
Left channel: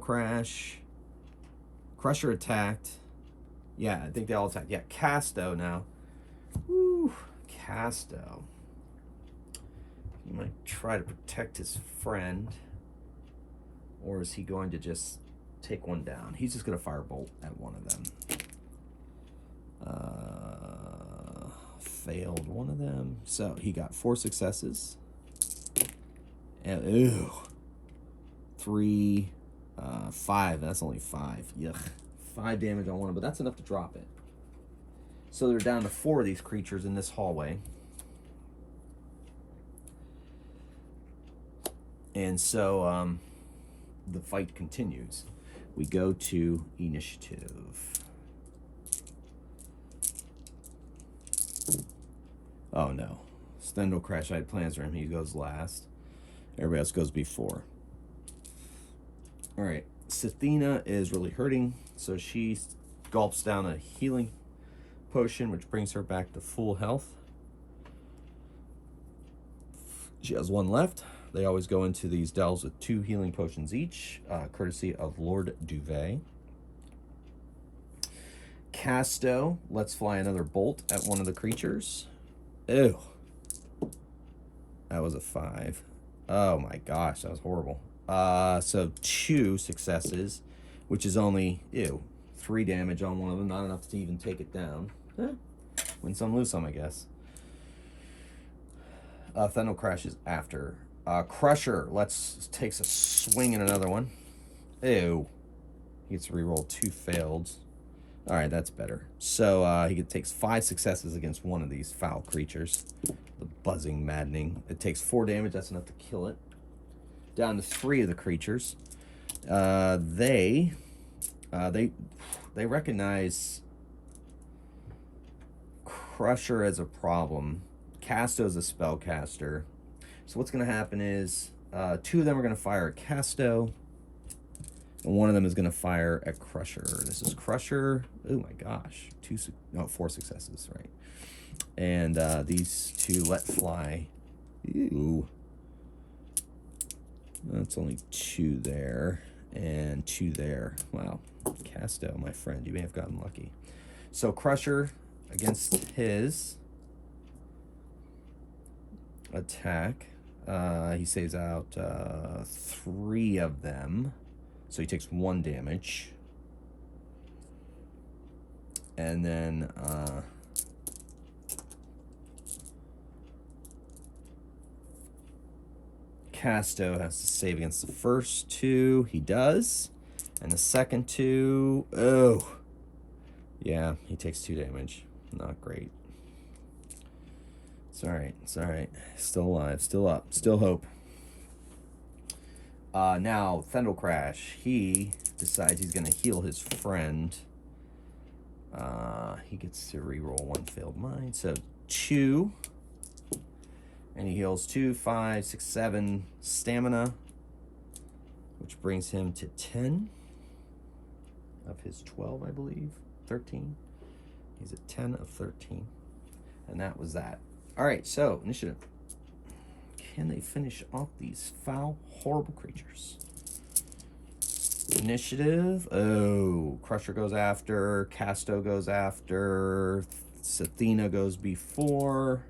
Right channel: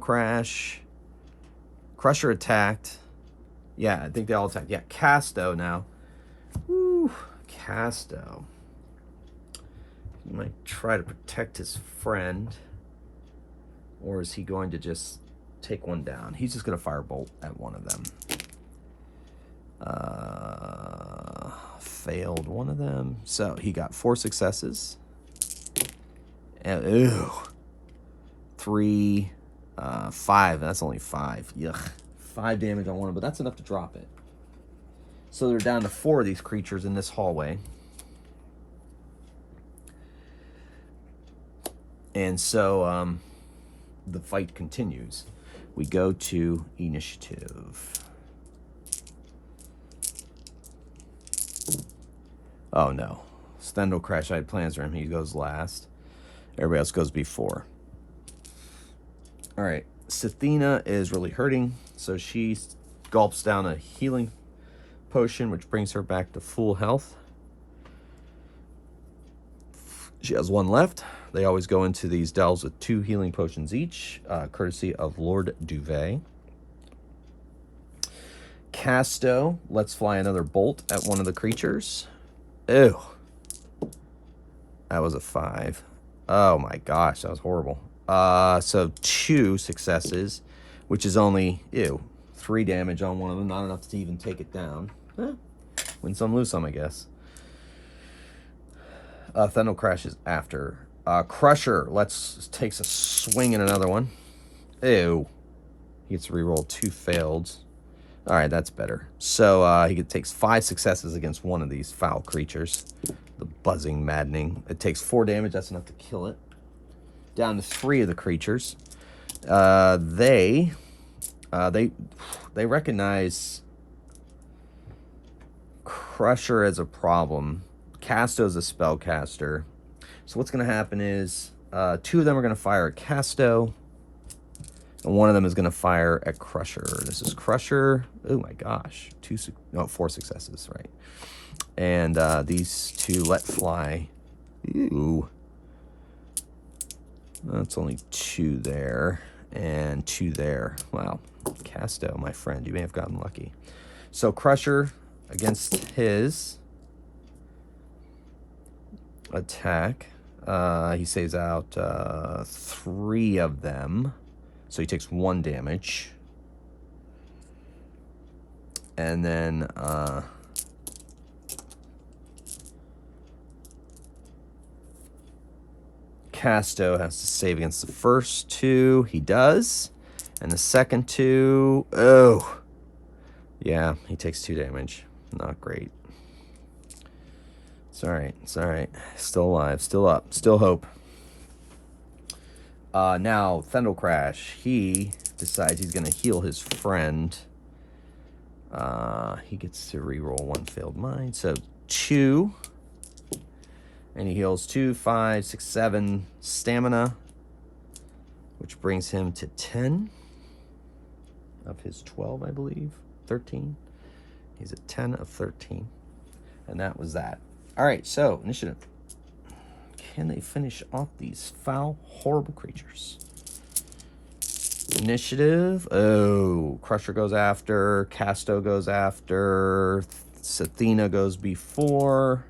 Crash. Crusher attacked. Yeah, I think they all attacked. Yeah, Casto now. Woo, Casto. He might try to protect his friend. Or is he going to just take one down? He's just going to firebolt at one of them. failed one of them. So he got 4 successes. And, ew. 3, 5. That's only 5. Yuck. 5 damage on one of them, but that's enough to drop it. So they're down to 4 of these creatures in this hallway. And so the fight continues. We go to initiative. Oh no. Stendhal Crash, I had plans for him. He goes last. Everybody else goes before. Alright. Sathina is really hurting, so she gulps down a healing potion, which brings her back to full health. She has 1 left. They always go into these delves with 2 healing potions each, courtesy of Lord Duvet. Casto lets fly another bolt at one of the creatures. Ew. That was a 5. Oh my gosh, that was horrible. So 2 successes, which is only, 3 damage on one of them. Not enough to even take it down. Win some, lose some, I guess. Stendhal Crash is after. Crusher takes a swing at another one. Ew. He gets to reroll 2 failed. All right, that's better. So he takes 5 successes against one of these foul creatures. The buzzing, maddening. It takes 4 damage. That's enough to kill it. Down to 3 of the creatures. They recognize Crusher as a problem. Casto's a spellcaster. So what's going to happen is 2 of them are going to fire at Casto, and 1 of them is going to fire at Crusher. This is Crusher. Oh my gosh, 4 successes, right? And these 2 let fly. Ew. That's only 2 there and 2 there. Wow, Casto, my friend, you may have gotten lucky. So Crusher against his attack. He saves out 3 of them. So he takes 1 damage. And then Casto has to save against the first 2. He does. And the second 2, oh. Yeah, he takes 2 damage. Not great. It's all right. It's all right. Still alive. Still up. Still hope. Now, Stendhal Crash. He decides he's going to heal his friend. He gets to reroll 1 failed mine. So 2. And he heals 2, 5, 6, 7 stamina. Which brings him to 10 of his 12, I believe. 13. He's at 10 of 13. And that was that. All right, so initiative. Can they finish off these foul, horrible creatures? Initiative. Oh, Crusher goes after. Casto goes after. Sathina goes before.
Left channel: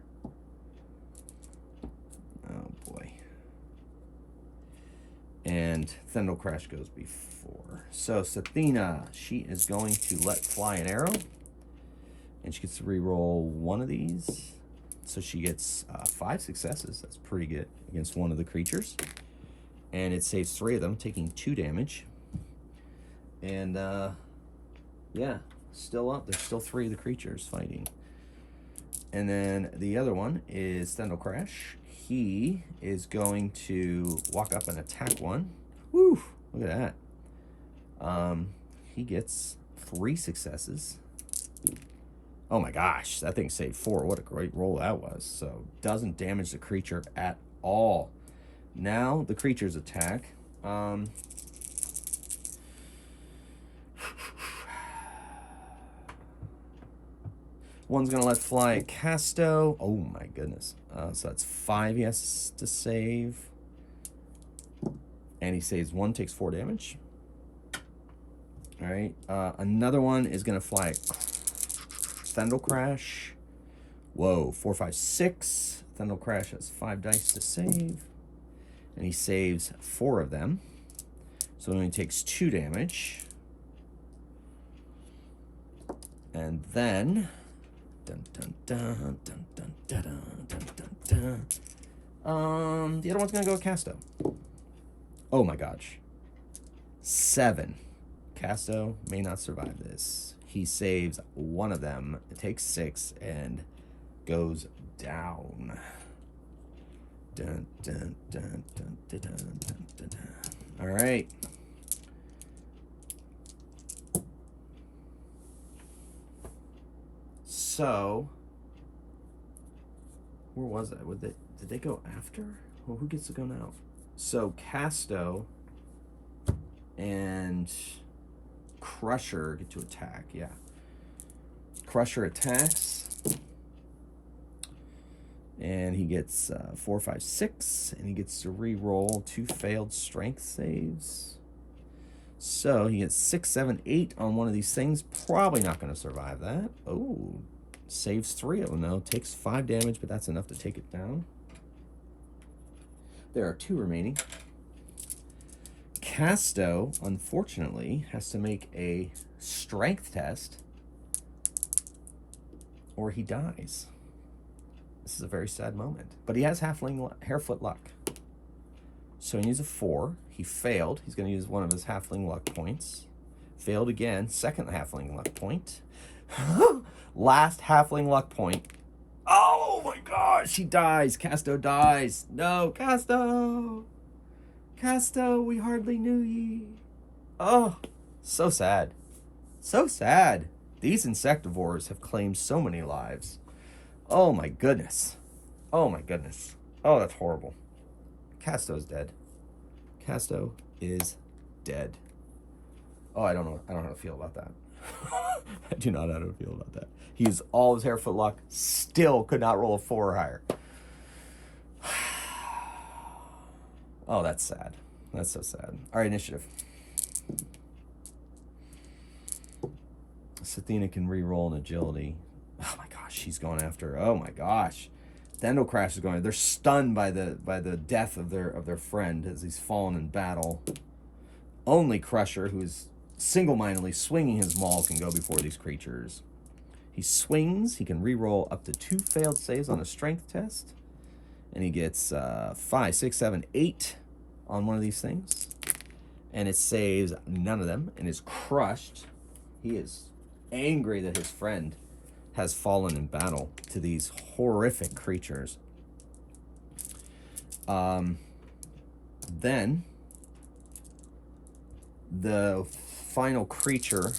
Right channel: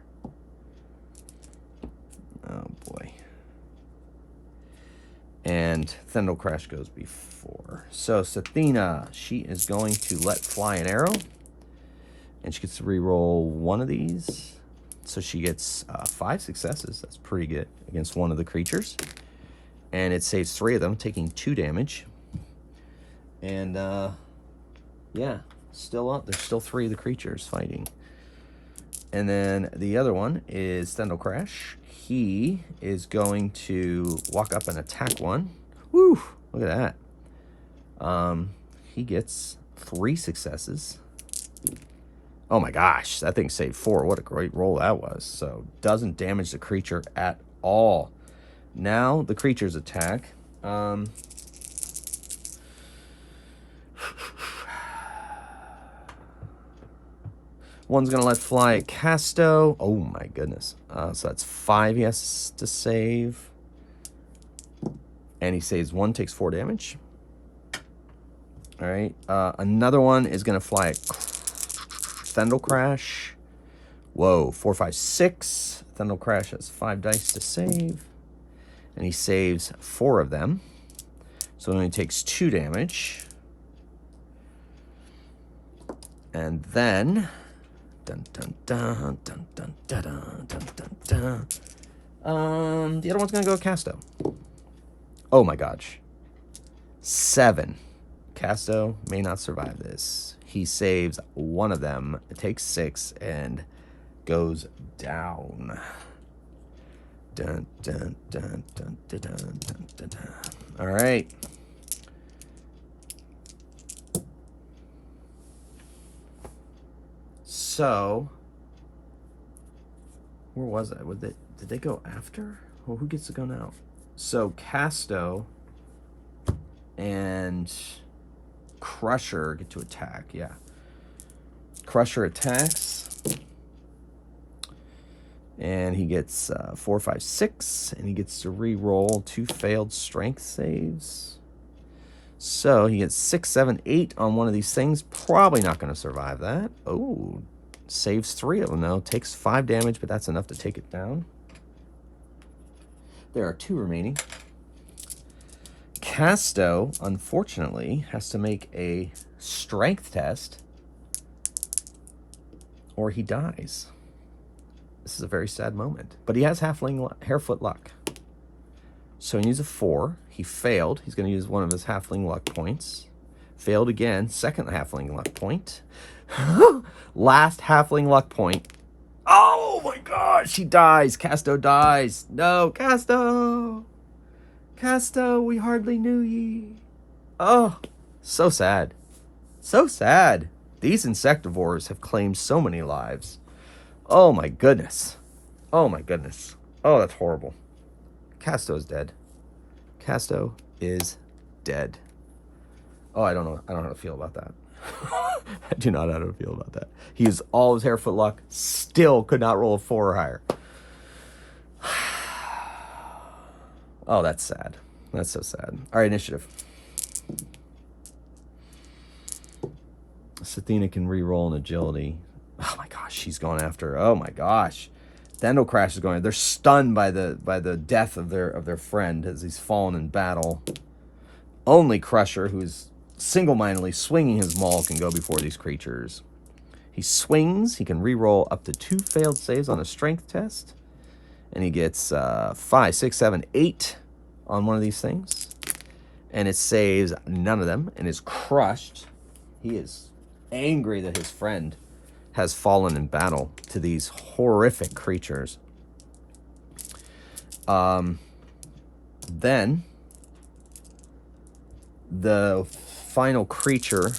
Oh, boy. And Stendhal Crash goes before. So Sathina, she is going to let fly an arrow. And she gets to reroll 1 of these. So she gets 5 successes. That's pretty good against 1 of the creatures. And it saves 3 of them, taking 2 damage. And, yeah, still up. There's still 3 of the creatures fighting. And then the other one is Stendhal Crash. He is going to walk up and attack one. Woo! Look at that. He gets 3 successes. Oh my gosh, that thing saved 4. What a great roll that was. So, doesn't damage the creature at all. Now, the creature's attack. One's going to let fly at Casto. Oh my goodness. So that's 5 he has to save. And he saves 1, takes 4 damage. All right. Another one is going to fly at Stendhal Crash. Whoa, 4, 5, 6. Stendhal Crash has 5 dice to save. And he saves 4 of them. So it only takes 2 damage. And then dun, dun, dun, dun, dun, dun, dun, dun, dun. The other one's gonna go Casto. Oh my gosh. 7. Casto may not survive this. He saves one of them. It takes 6 and goes down. Dun, dun, dun, dun, dun, dun, dun, dun, dun. All right. So, where was I? Did they go after? Well, who gets to go now? So Casto and Crusher get to attack. Yeah. Crusher attacks. And he gets 4, 5, 6. And he gets to re-roll 2 failed strength saves. So he gets 6, 7, 8 on one of these things. Probably not going to survive that. Oh, saves 3 of them, though. Takes 5 damage, but that's enough to take it down. There are 2 remaining. Casto, unfortunately, has to make a strength test or he dies. This is a very sad moment. But he has halfling harefoot luck. So he needs a 4. He failed. He's going to use one of his halfling luck points. Failed again. Second halfling luck point. Last halfling luck point. Oh my gosh, he dies. Casto dies. No, Casto. Casto, we hardly knew ye. Oh, so sad. So sad. These insectivores have claimed so many lives. Oh my goodness. Oh my goodness. Oh, that's horrible. Casto is dead. Casto is dead. Oh, I don't know how to feel about that. I do not know how to feel about that. He used all his harefoot luck, still could not roll a 4 or higher. Oh, that's sad. That's so sad. All right, initiative. Sathina can re-roll an agility. Oh my gosh, she's going after. Oh my gosh, Thendel Crash is going. They're stunned by the death of their friend as he's fallen in battle. Only Crusher, who is single-mindedly swinging his maul, can go before these creatures. He swings. He can re-roll up to 2 failed saves on a strength test, and he gets 5, 6, 7, 8 on one of these things, and it saves none of them and is crushed. He is angry that his friend has fallen in battle to these horrific creatures. Then the final creature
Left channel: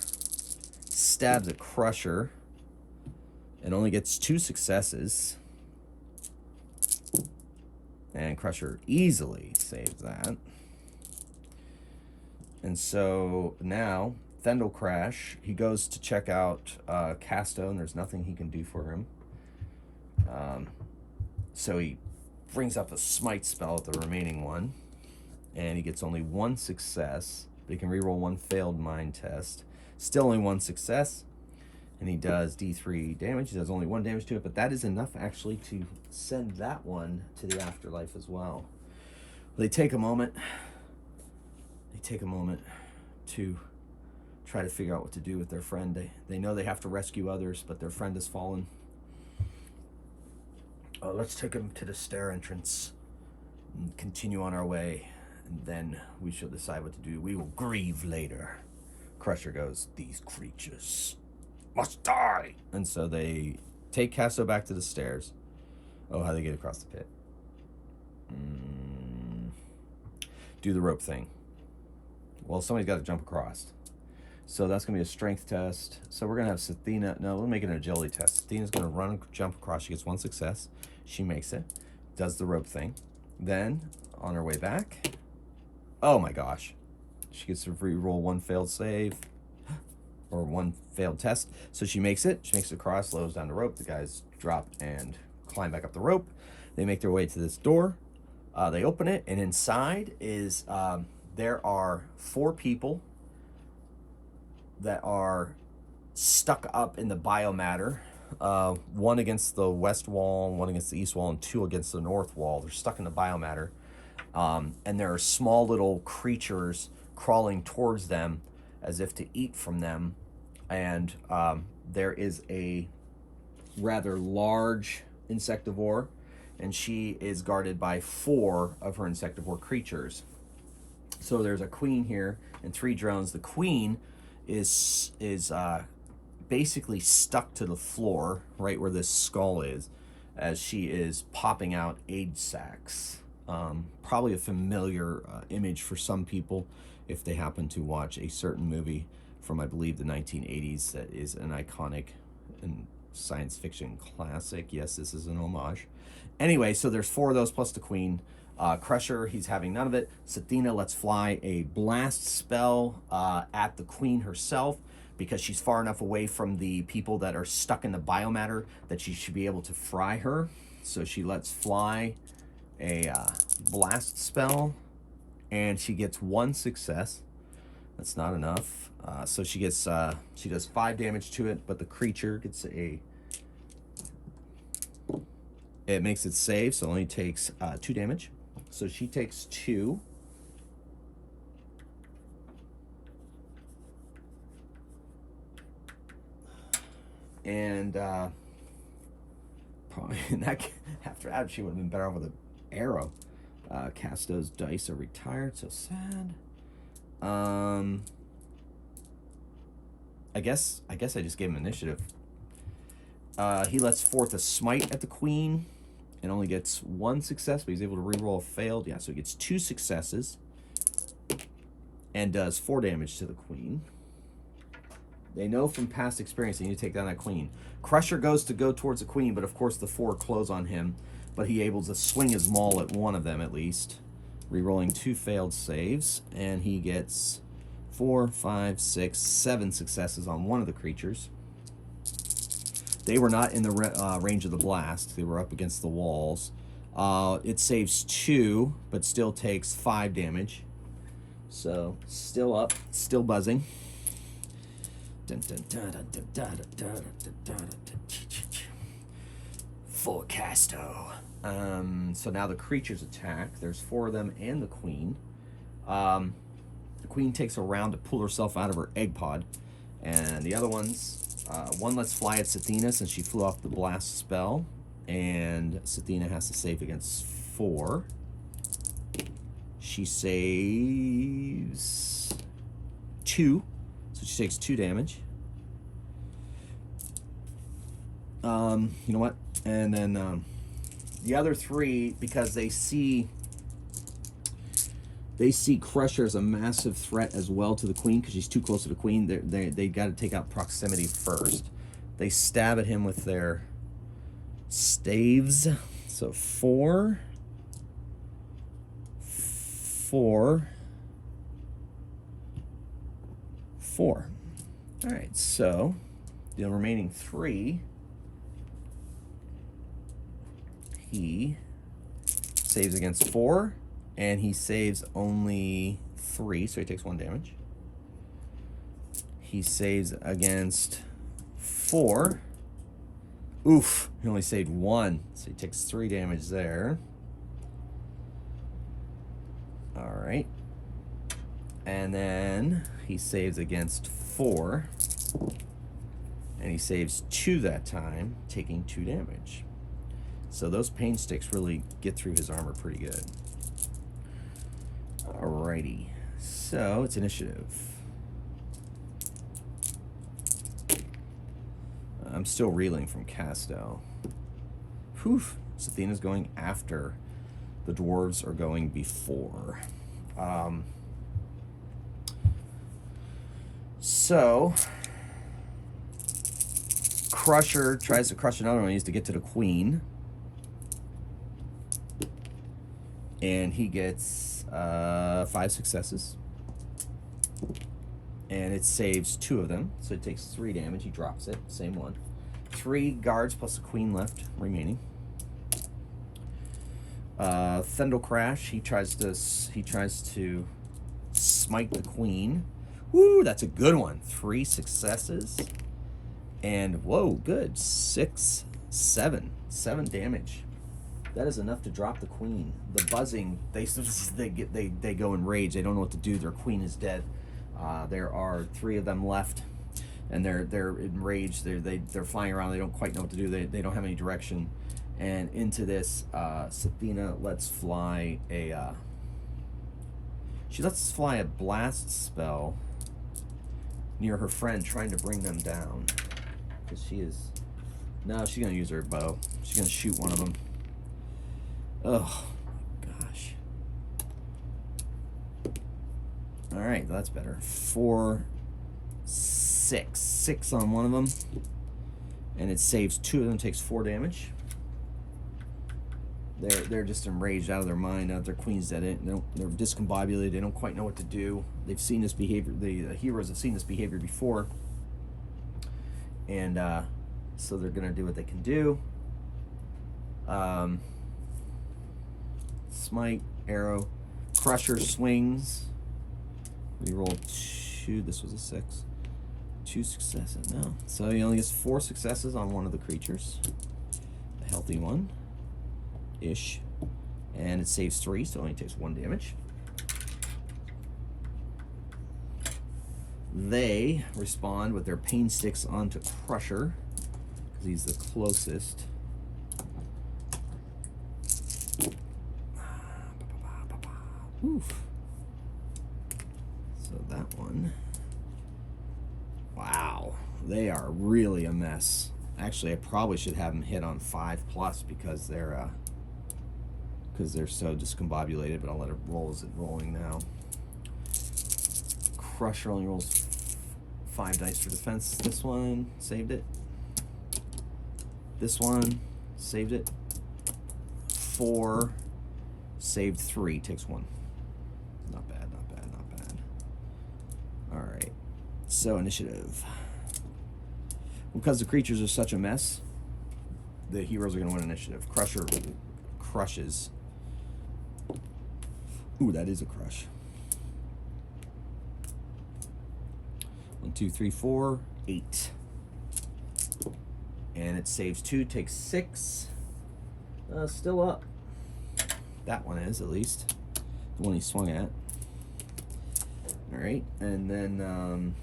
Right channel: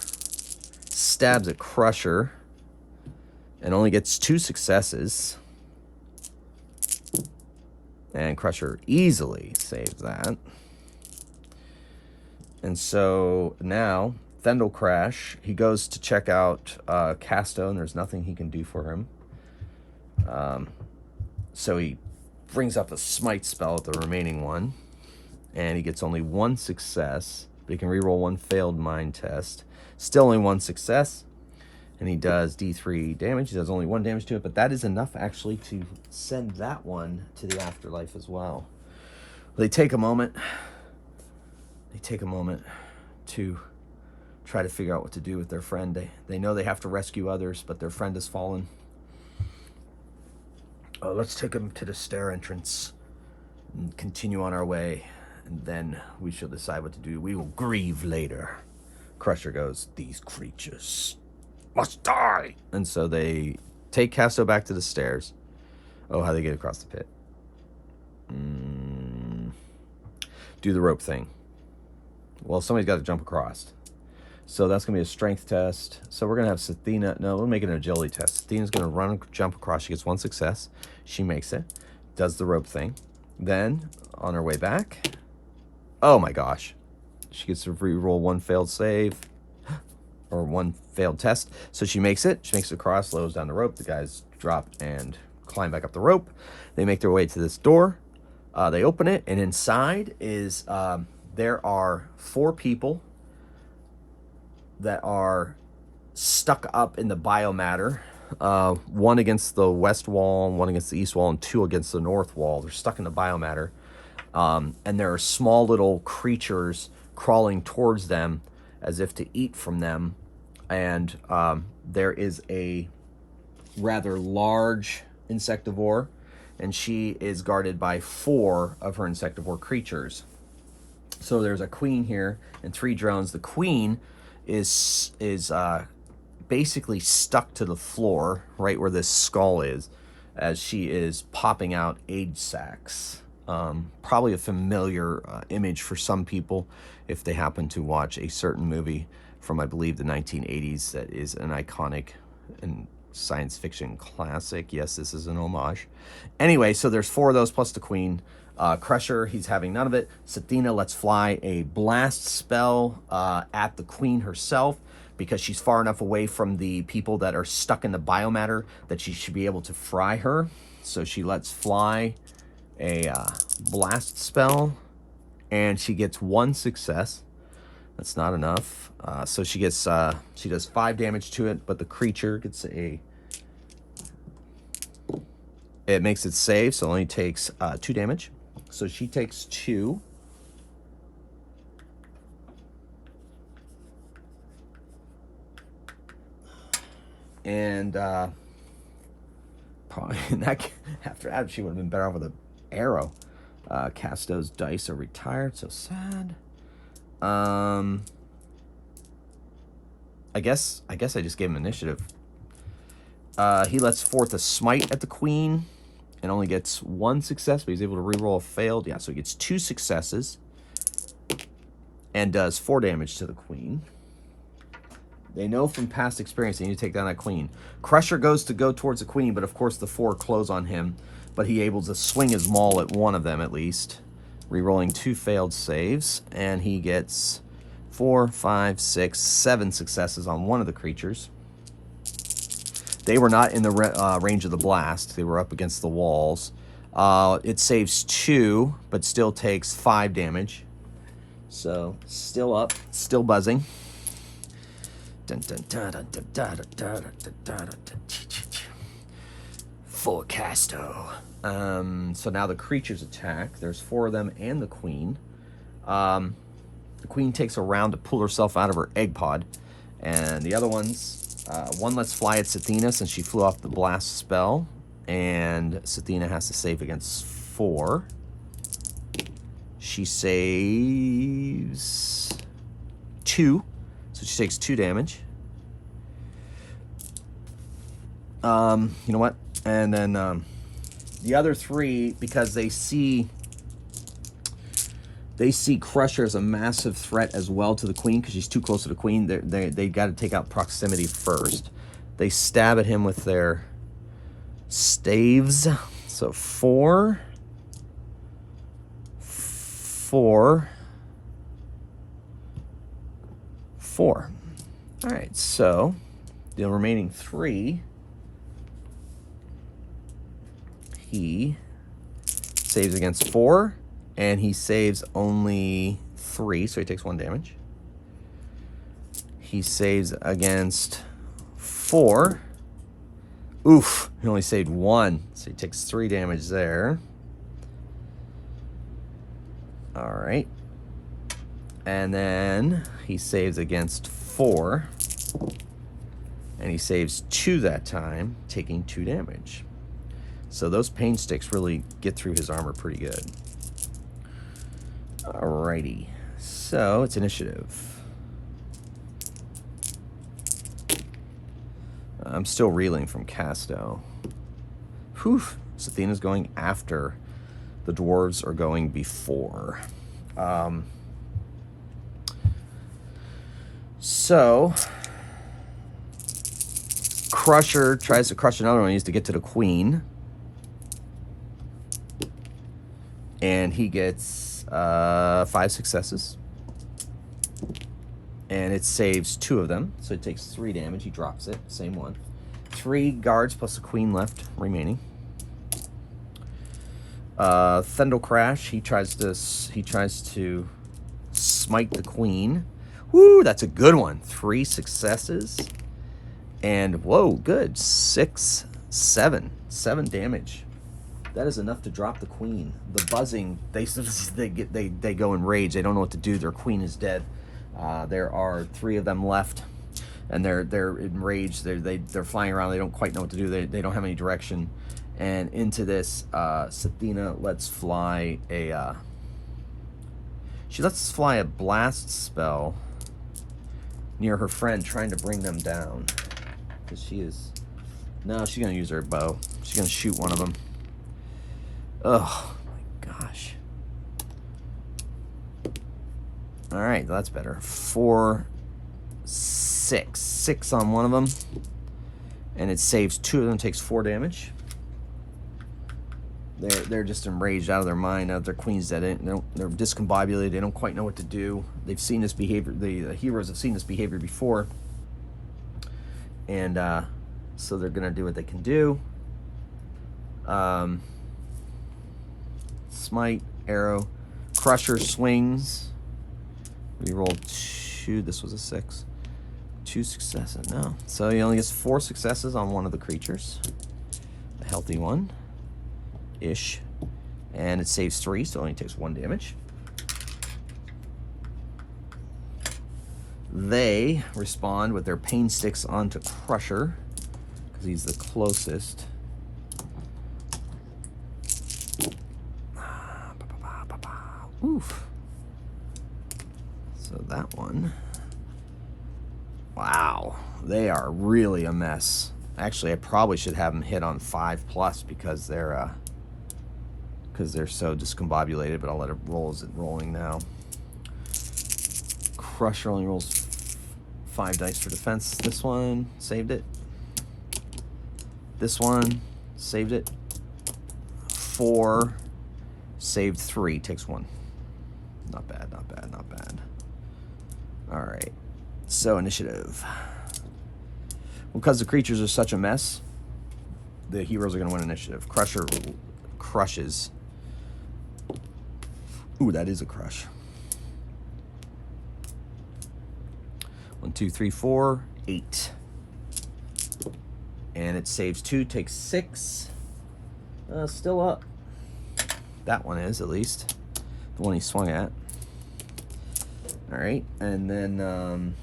stabs at Crusher and only gets 2 successes. And Crusher easily saves that. And so now Thendel Crash, he goes to check out Casto, and there's nothing he can do for him. So he brings up a smite spell at the remaining one, and he gets only 1 success, but he can reroll 1 failed mind test. Still only 1 success, and he does D3 damage. He does only 1 damage to it, but that is enough actually to send that one to the afterlife as well. They take a moment. They take a moment to try to figure out what to do with their friend. They know they have to rescue others, but their friend has fallen. Oh, let's take him to the stair entrance and continue on our way, and then we shall decide what to do. We will grieve later. Crusher goes, these creatures must die. And so they take Casto back to the stairs. Oh, how they get across the pit. Do the rope thing. Well, somebody's got to jump across. So that's going to be a strength test. So we're going to have Sathina. No, we'll make it an agility test. Sathina's going to run and jump across. She gets 1 success. She makes it. Does the rope thing. Then, on her way back. Oh my gosh. She gets to re-roll 1 failed save. Or 1 failed test. So she makes it. She makes it across, slows down the rope. The guys drop and climb back up the rope. They make their way to this door. They open it. And inside is... there are 4 people that are stuck up in the biomatter. 1 against the west wall, 1 against the east wall, and 2 against the north wall. They're stuck in the biomatter. And there are small little creatures crawling towards them as if to eat from them. And there is a rather large insectivore, and she is guarded by 4 of her insectivore creatures. So there's a queen here and 3 drones. The queen is basically stuck to the floor right where this skull is, as she is popping out age sacs. Probably a familiar image for some people if they happen to watch a certain movie from, I believe, the 1980s that is an iconic and science fiction classic. Yes, this is an homage. Anyway, so there's 4 of those plus the queen. Crusher, he's having none of it. Sathina lets fly a blast spell at the queen herself, because she's far enough away from the people that are stuck in the biomatter that she should be able to fry her. So she lets fly a blast spell, and she gets 1 success. That's not enough. So she gets she does 5 damage to it, but the creature gets it makes it save, so it only takes 2 damage. So she takes 2. And probably after that, she would have been better off with an arrow. Casto's dice are retired, so sad. I guess I just gave him initiative. He lets forth a smite at the queen and only gets 1 success, but he's able to reroll a failed. Yeah, so he gets 2 successes and does 4 damage to the queen. They know from past experience they need to take down that queen. Crusher goes towards the queen, but of course the 4 close on him, but he able to swing his maul at one of them at least, rerolling 2 failed saves, and he gets 4, 5, 6, 7 successes on one of the creatures. They were not in the range of the blast. They were up against the walls. It saves 2, but still takes 5 damage. So, still up, still buzzing. For Casto. So now the creatures attack. There's 4 of them and the queen. The queen takes a round to pull herself out of her egg pod. And the other ones, one lets fly at Sathina since she flew off the blast spell. And Sathina has to save against 4. She saves 2. So she takes 2 damage. You know what? And then the other 3, because they see Crusher as a massive threat as well to the queen, because she's too close to the queen. They got to take out proximity first. They stab at him with their staves. So 4, 4, 4. All right, so the remaining 3, he saves against 4, and he saves only 3, so he takes 1 damage. He saves against 4. Oof, he only saved 1, so he takes 3 damage there. All right. And then he saves against 4, and he saves 2 that time, taking 2 damage. So those pain sticks really get through his armor pretty good. Alrighty, so it's initiative. I'm still reeling from Casto. Whew, Sathina's going after. The dwarves are going before. So Crusher tries to crush another one. He needs to get to the queen. And he gets 5 successes. And it saves 2 of them. So it takes 3 damage. He drops it. Same one. 3 guards plus a queen left remaining. Thundel Crash. He tries to smite the queen. Woo, that's a good one. 3 successes. And whoa, good. 6, 7 damage. That is enough to drop the queen. The buzzing, they go in rage. They don't know what to do. Their queen is dead. There are 3 of them left. and they're enraged. They're flying around. They don't quite know what to do. They don't have any direction. And into this, Sathina lets fly a. She lets fly a blast spell near her friend, trying to bring them down. Because she is. No, she's gonna use her bow. She's gonna shoot one of them. Oh my gosh. All right, that's better. 4, 6. 6 on one of them. And it saves 2 of them, takes 4 damage. They're just enraged out of their mind. Now their queen's dead. They're discombobulated. They don't quite know what to do. They've seen this behavior. The heroes have seen this behavior before. And so they're going to do what they can do. Smite, arrow. Crusher swings. We rolled 2. This was a 6. 2 successes. No. So he only gets 4 successes on one of the creatures. A healthy one. Ish. And it saves 3, so it only takes 1 damage. They respond with their pain sticks onto Crusher, because he's the closest. Oof. So that one. Wow. They are really a mess. Actually, I probably should have them hit on 5+ because they're so discombobulated, but I'll let it roll as it's rolling now. Crusher only rolls 5 dice for defense. This one saved it. This one saved it. 4 saved 3, takes 1. Not bad, not bad, not bad. All right. So initiative. Because the creatures are such a mess, the heroes are going to win initiative. Crusher crushes. Ooh, that is a crush. 1, 2, 3, 4, 8. And it saves 2, takes 6. Still up. That one is, at least. The one he swung at. Alright, and then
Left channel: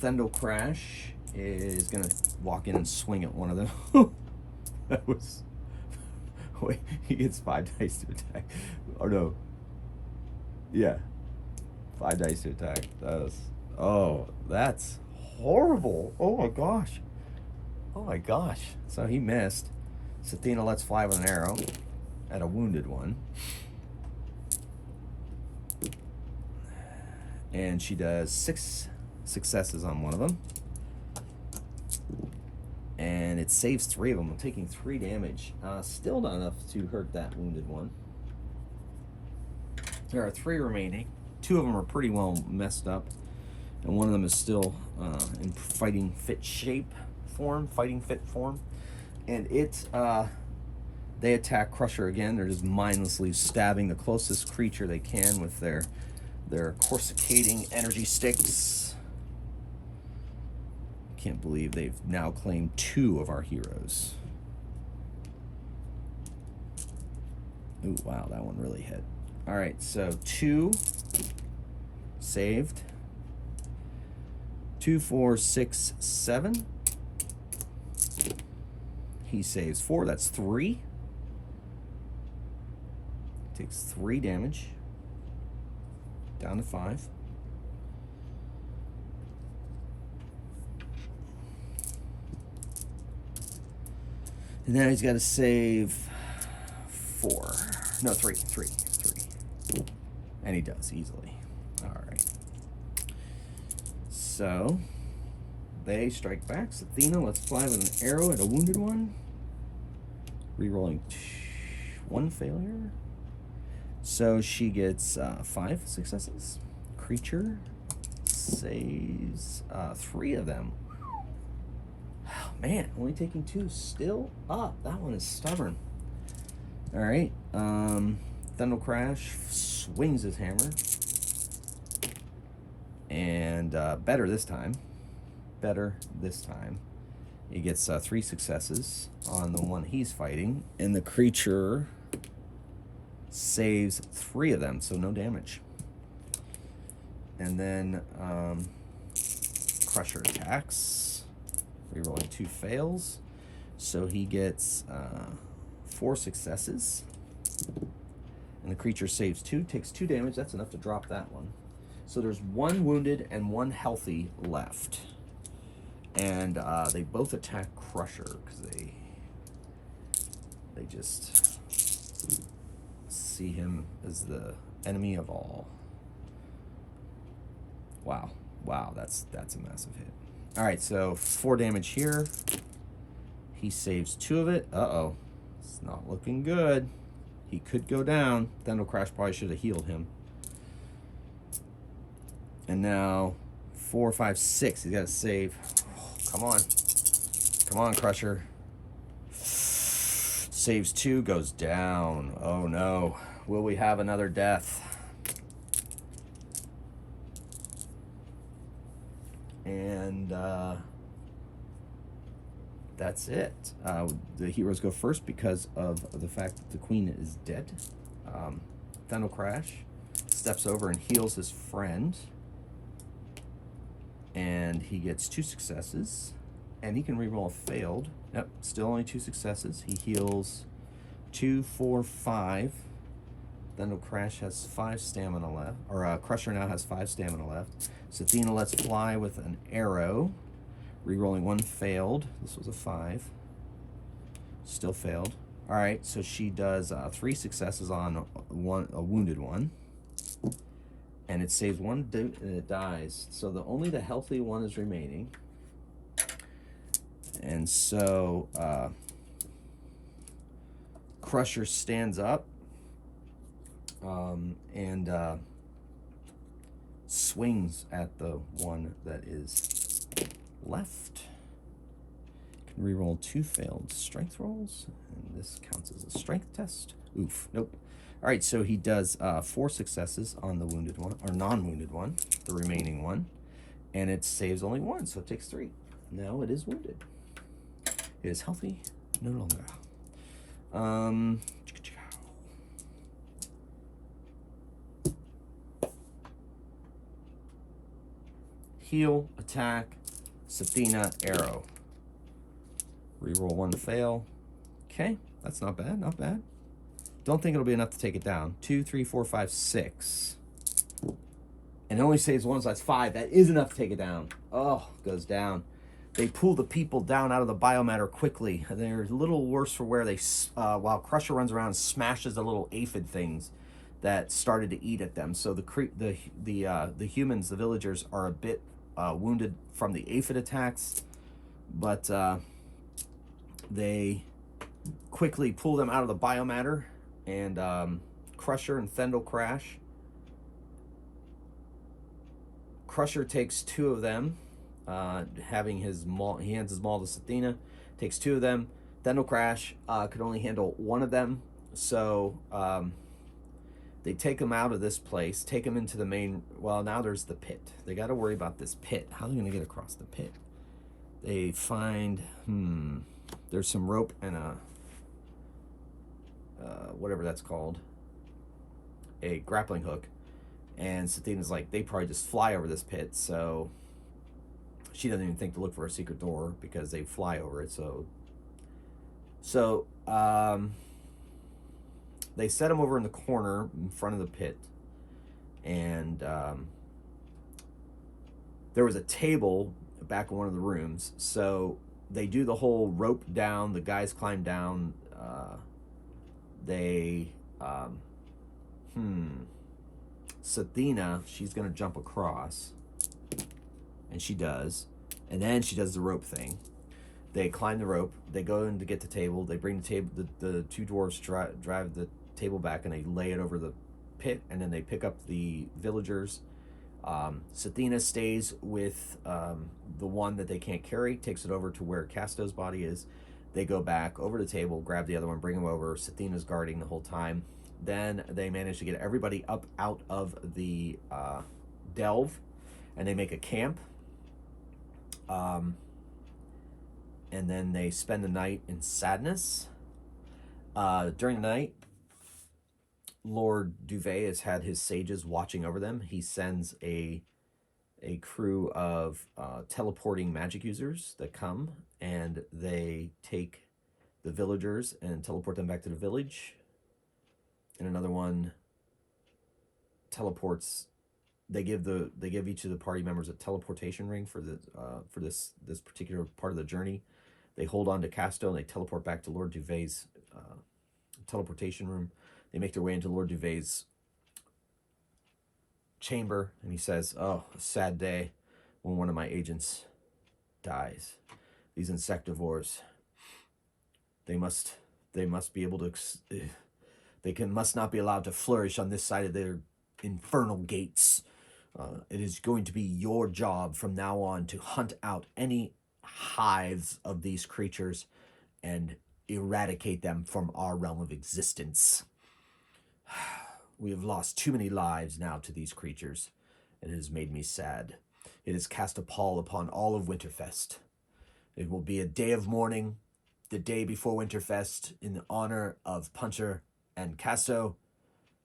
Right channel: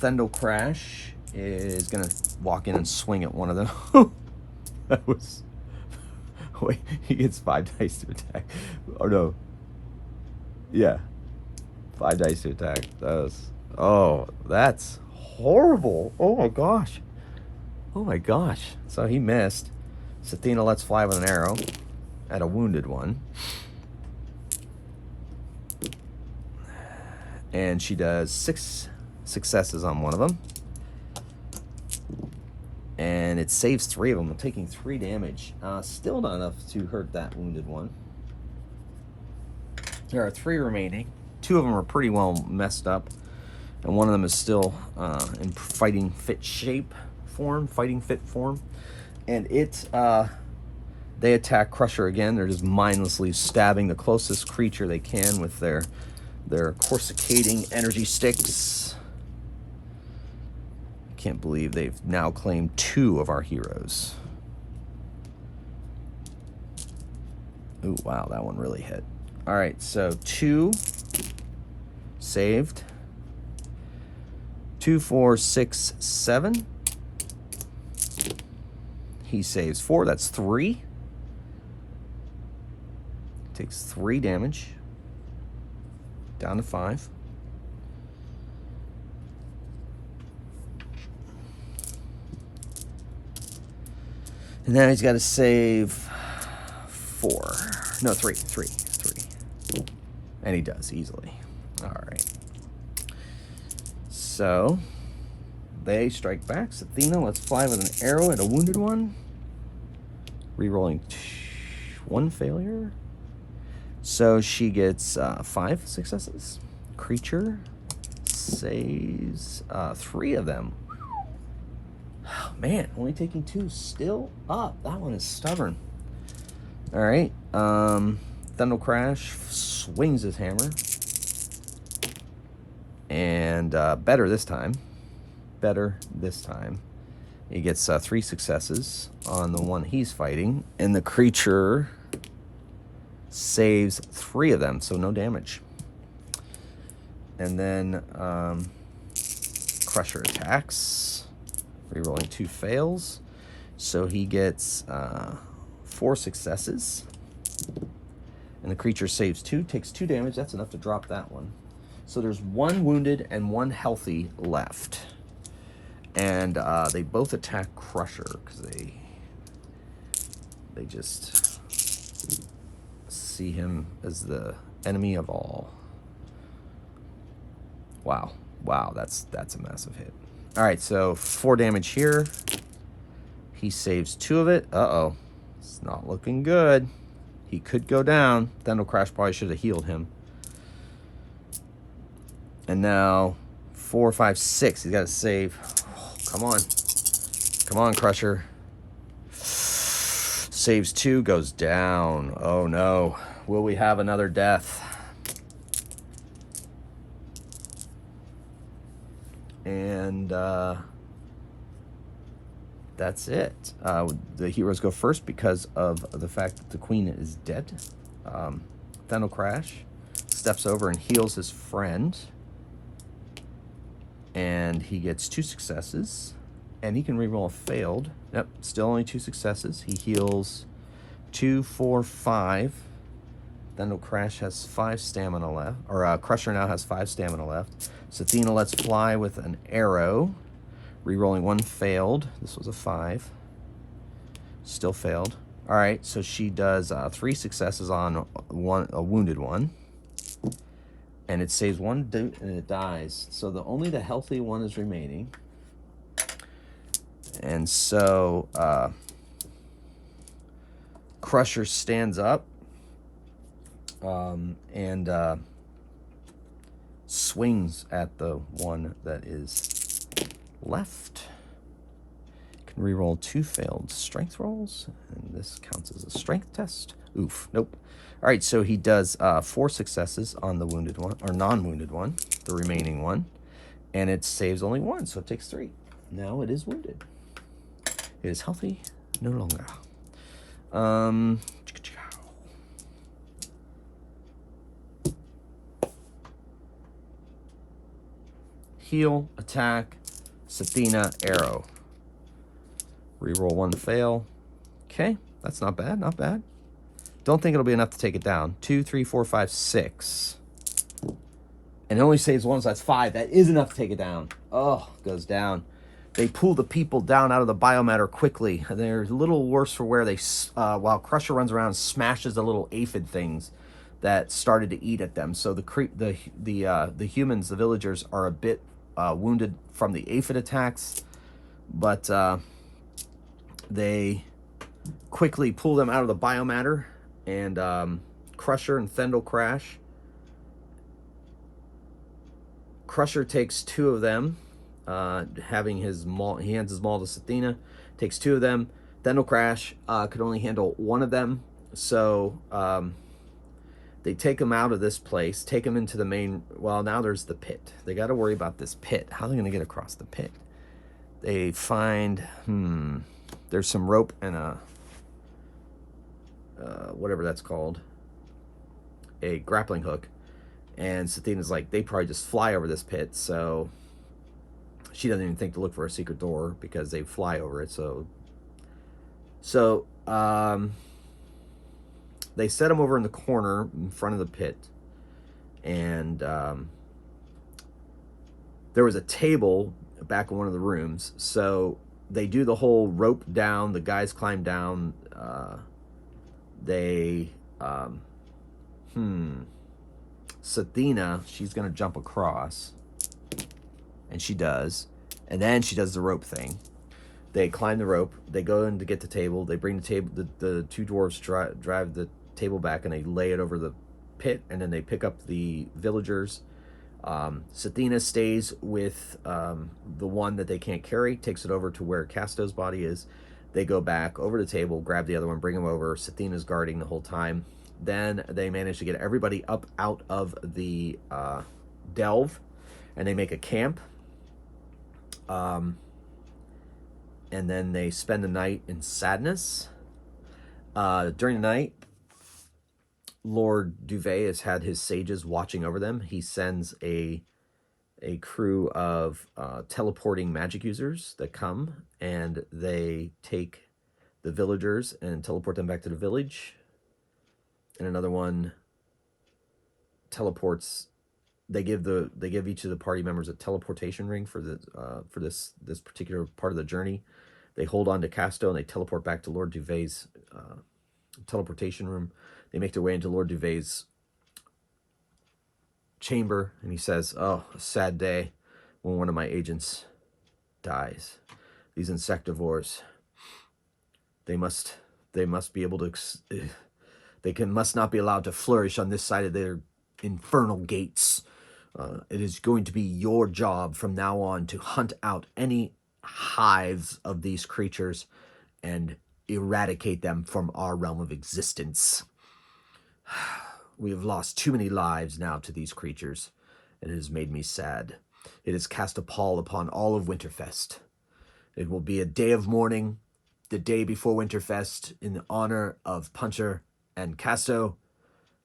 Thendel Crash is going to walk in and swing at one of them. That was... Wait, he gets 5 dice to attack. Oh, no. Yeah. 5 dice to attack. That was... Oh, that's horrible. Oh, my gosh. Oh, my gosh. So he missed. Sathina lets fly with an arrow at a wounded one. And she does 6 successes on one of them. And it saves 3 of them, taking 3 damage. Still not enough to hurt that wounded one. There are 3 remaining. 2 of them are pretty well messed up. And one of them is still in fighting fit form. And they attack Crusher again. They're just mindlessly stabbing the closest creature they can with their coruscating energy sticks. Can't believe they've now claimed 2 of our heroes. Ooh, wow, that one really hit. All right, so 2 saved. 2, 4, 6, 7. He saves 4. That's 3. Takes 3 damage. Down to 5. And then he's got to save 4. No, 3. And he does easily. All right. So they strike back. Sathina lets fly with an arrow at a wounded one. Rerolling 1 failure. So she gets 5 successes. Creature saves 3 of them. Oh, man, only taking 2. Still up. That one is stubborn. All right. Thendel Crash swings his hammer. And better this time. He gets 3 successes on the one he's fighting. And the creature saves 3 of them, so no damage. And then Crusher attacks. Rerolling 2 fails. So he gets 4 successes. And the creature saves 2, takes 2 damage. That's enough to drop that one. So there's 1 wounded and 1 healthy left. And they both attack Crusher because they just see him as the enemy of all. Wow. Wow, that's a massive hit. All right, so 4 damage here. He saves 2 of it. Uh-oh. It's not looking good. He could go down. Thendal Crash probably should have healed him. And now 4, 5, 6. He's got to save. Come on. Come on, Crusher. Saves 2, goes down. Oh, no. Will we have another death? And that's it. The heroes go first because of the fact that the queen is dead. Thendal Crash steps over and heals his friend. And he gets 2 successes. And he can reroll a failed. Yep, still only 2 successes. He heals 2, 4, 5. Thendal Crash has 5 stamina left. Or Crusher now has 5 stamina left. Sathina lets fly with an arrow. Rerolling 1 failed. This was a 5. Still failed. All right, so she does 3 successes on a wounded one. And it saves 1 and it dies. So only the healthy one is remaining. And so Crusher stands up and swings at the one that is left. Can reroll 2 failed strength rolls, and this counts as a strength test. Oof, nope. All right, so he does 4 successes on the wounded one, or non-wounded one, the remaining one, and it saves only 1, so it takes 3. Now it is wounded. It is healthy no longer. Heal, attack, Sathina, arrow. Reroll 1 fail. Okay, that's not bad, not bad. Don't think it'll be enough to take it down. 2, 3, 4, 5, 6. And it only saves 1, so that's 5. That is enough to take it down. Oh, goes down. They pull the people down out of the biomatter quickly. They're a little worse for wear. While Crusher runs around and smashes the little aphid things that started to eat at them. So the humans, the villagers, are a bit wounded from the aphid attacks, but they quickly pull them out of the biomatter, and Crusher and Thendal Crash. Crusher takes 2 of them. Having his maul, he hands his maul to Sathina, takes 2 of them. Thendal Crash could only handle 1 of them, so they take him out of this place, take him into the main. Well, now there's the pit. They got to worry about this pit. How are they going to get across the pit? They find there's some rope and a whatever that's called, a grappling hook, and Sathina's like, they probably just fly over this pit, so she doesn't even think to look for a secret door because they fly over it. So they set him over in the corner in front of the pit, and there was a table back in one of the rooms. So they do the whole rope down. The guys climb down. Sathina, she's gonna jump across. And she does. And then she does the rope thing. They climb the rope. They go in to get the table. They bring the table. The 2 dwarves drive the table back, and they lay it over the pit. And then they pick up the villagers. Sathina stays with the one that they can't carry, takes it over to where Casto's body is. They go back over the table, grab the other one, bring him over. Sathina's guarding the whole time. Then they manage to get everybody up out of the delve, and they make a camp. And then they spend the night in sadness. During the night, Lord Duvet has had his sages watching over them. He sends a crew of teleporting magic users that come, and they take the villagers and teleport them back to the village. And another one teleports. They give each of the party members a teleportation ring for this particular part of the journey. They hold on to Casto and they teleport back to Lord Duvet's teleportation room. They make their way into Lord Duvet's chamber, and he says, "Oh, a sad day when one of my agents dies. These insectivores, they must be able to, must not be allowed to flourish on this side of their infernal gates. It is going to be your job from now on to hunt out any hives of these creatures and eradicate them from our realm of existence. We have lost too many lives now to these creatures, and it has made me sad. It has cast a pall upon all of Winterfest. It will be a day of mourning, the day before Winterfest, in honor of Puncher and Casto,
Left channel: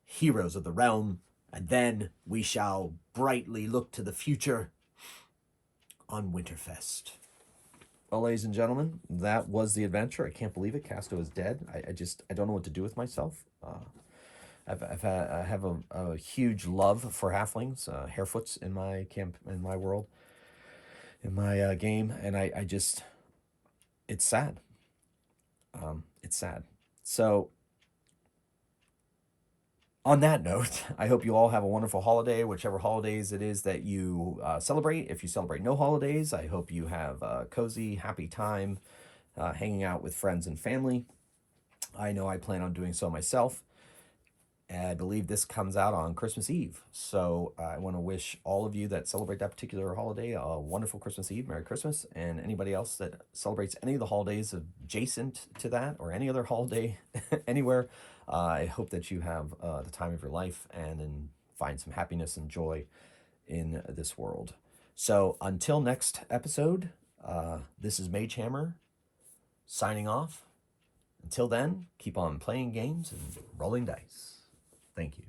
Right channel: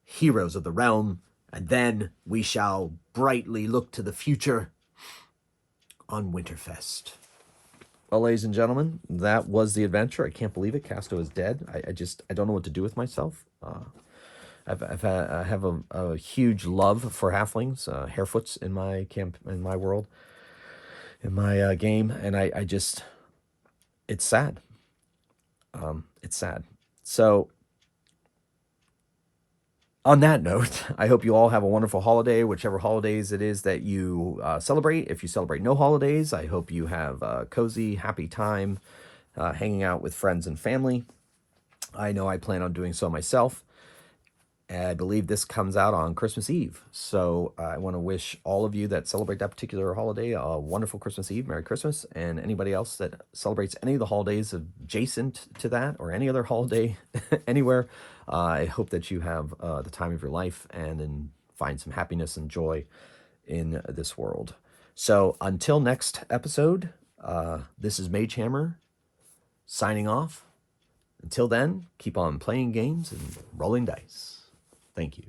heroes of the realm, and then we shall brightly look to the future on Winterfest." Well, ladies and gentlemen, that was the adventure. I can't believe it. Casto is dead. I don't know what to do with myself. I have a huge love for halflings, harefoots in my world, in my game, and I just, it's sad. It's sad. So, on that note, I hope you all have a wonderful holiday, whichever holidays it is that you celebrate. If you celebrate no holidays, I hope you have a cozy, happy time hanging out with friends and family. I know I plan on doing so myself. I believe this comes out on Christmas Eve. So I want to wish all of you that celebrate that particular holiday a wonderful Christmas Eve, Merry Christmas, and anybody else that celebrates any of the holidays adjacent to that or any other holiday anywhere. I hope that you have the time of your life and find some happiness and joy in this world. So until next episode, this is Magehammer signing off. Until then, keep on playing games and rolling dice. Thank you.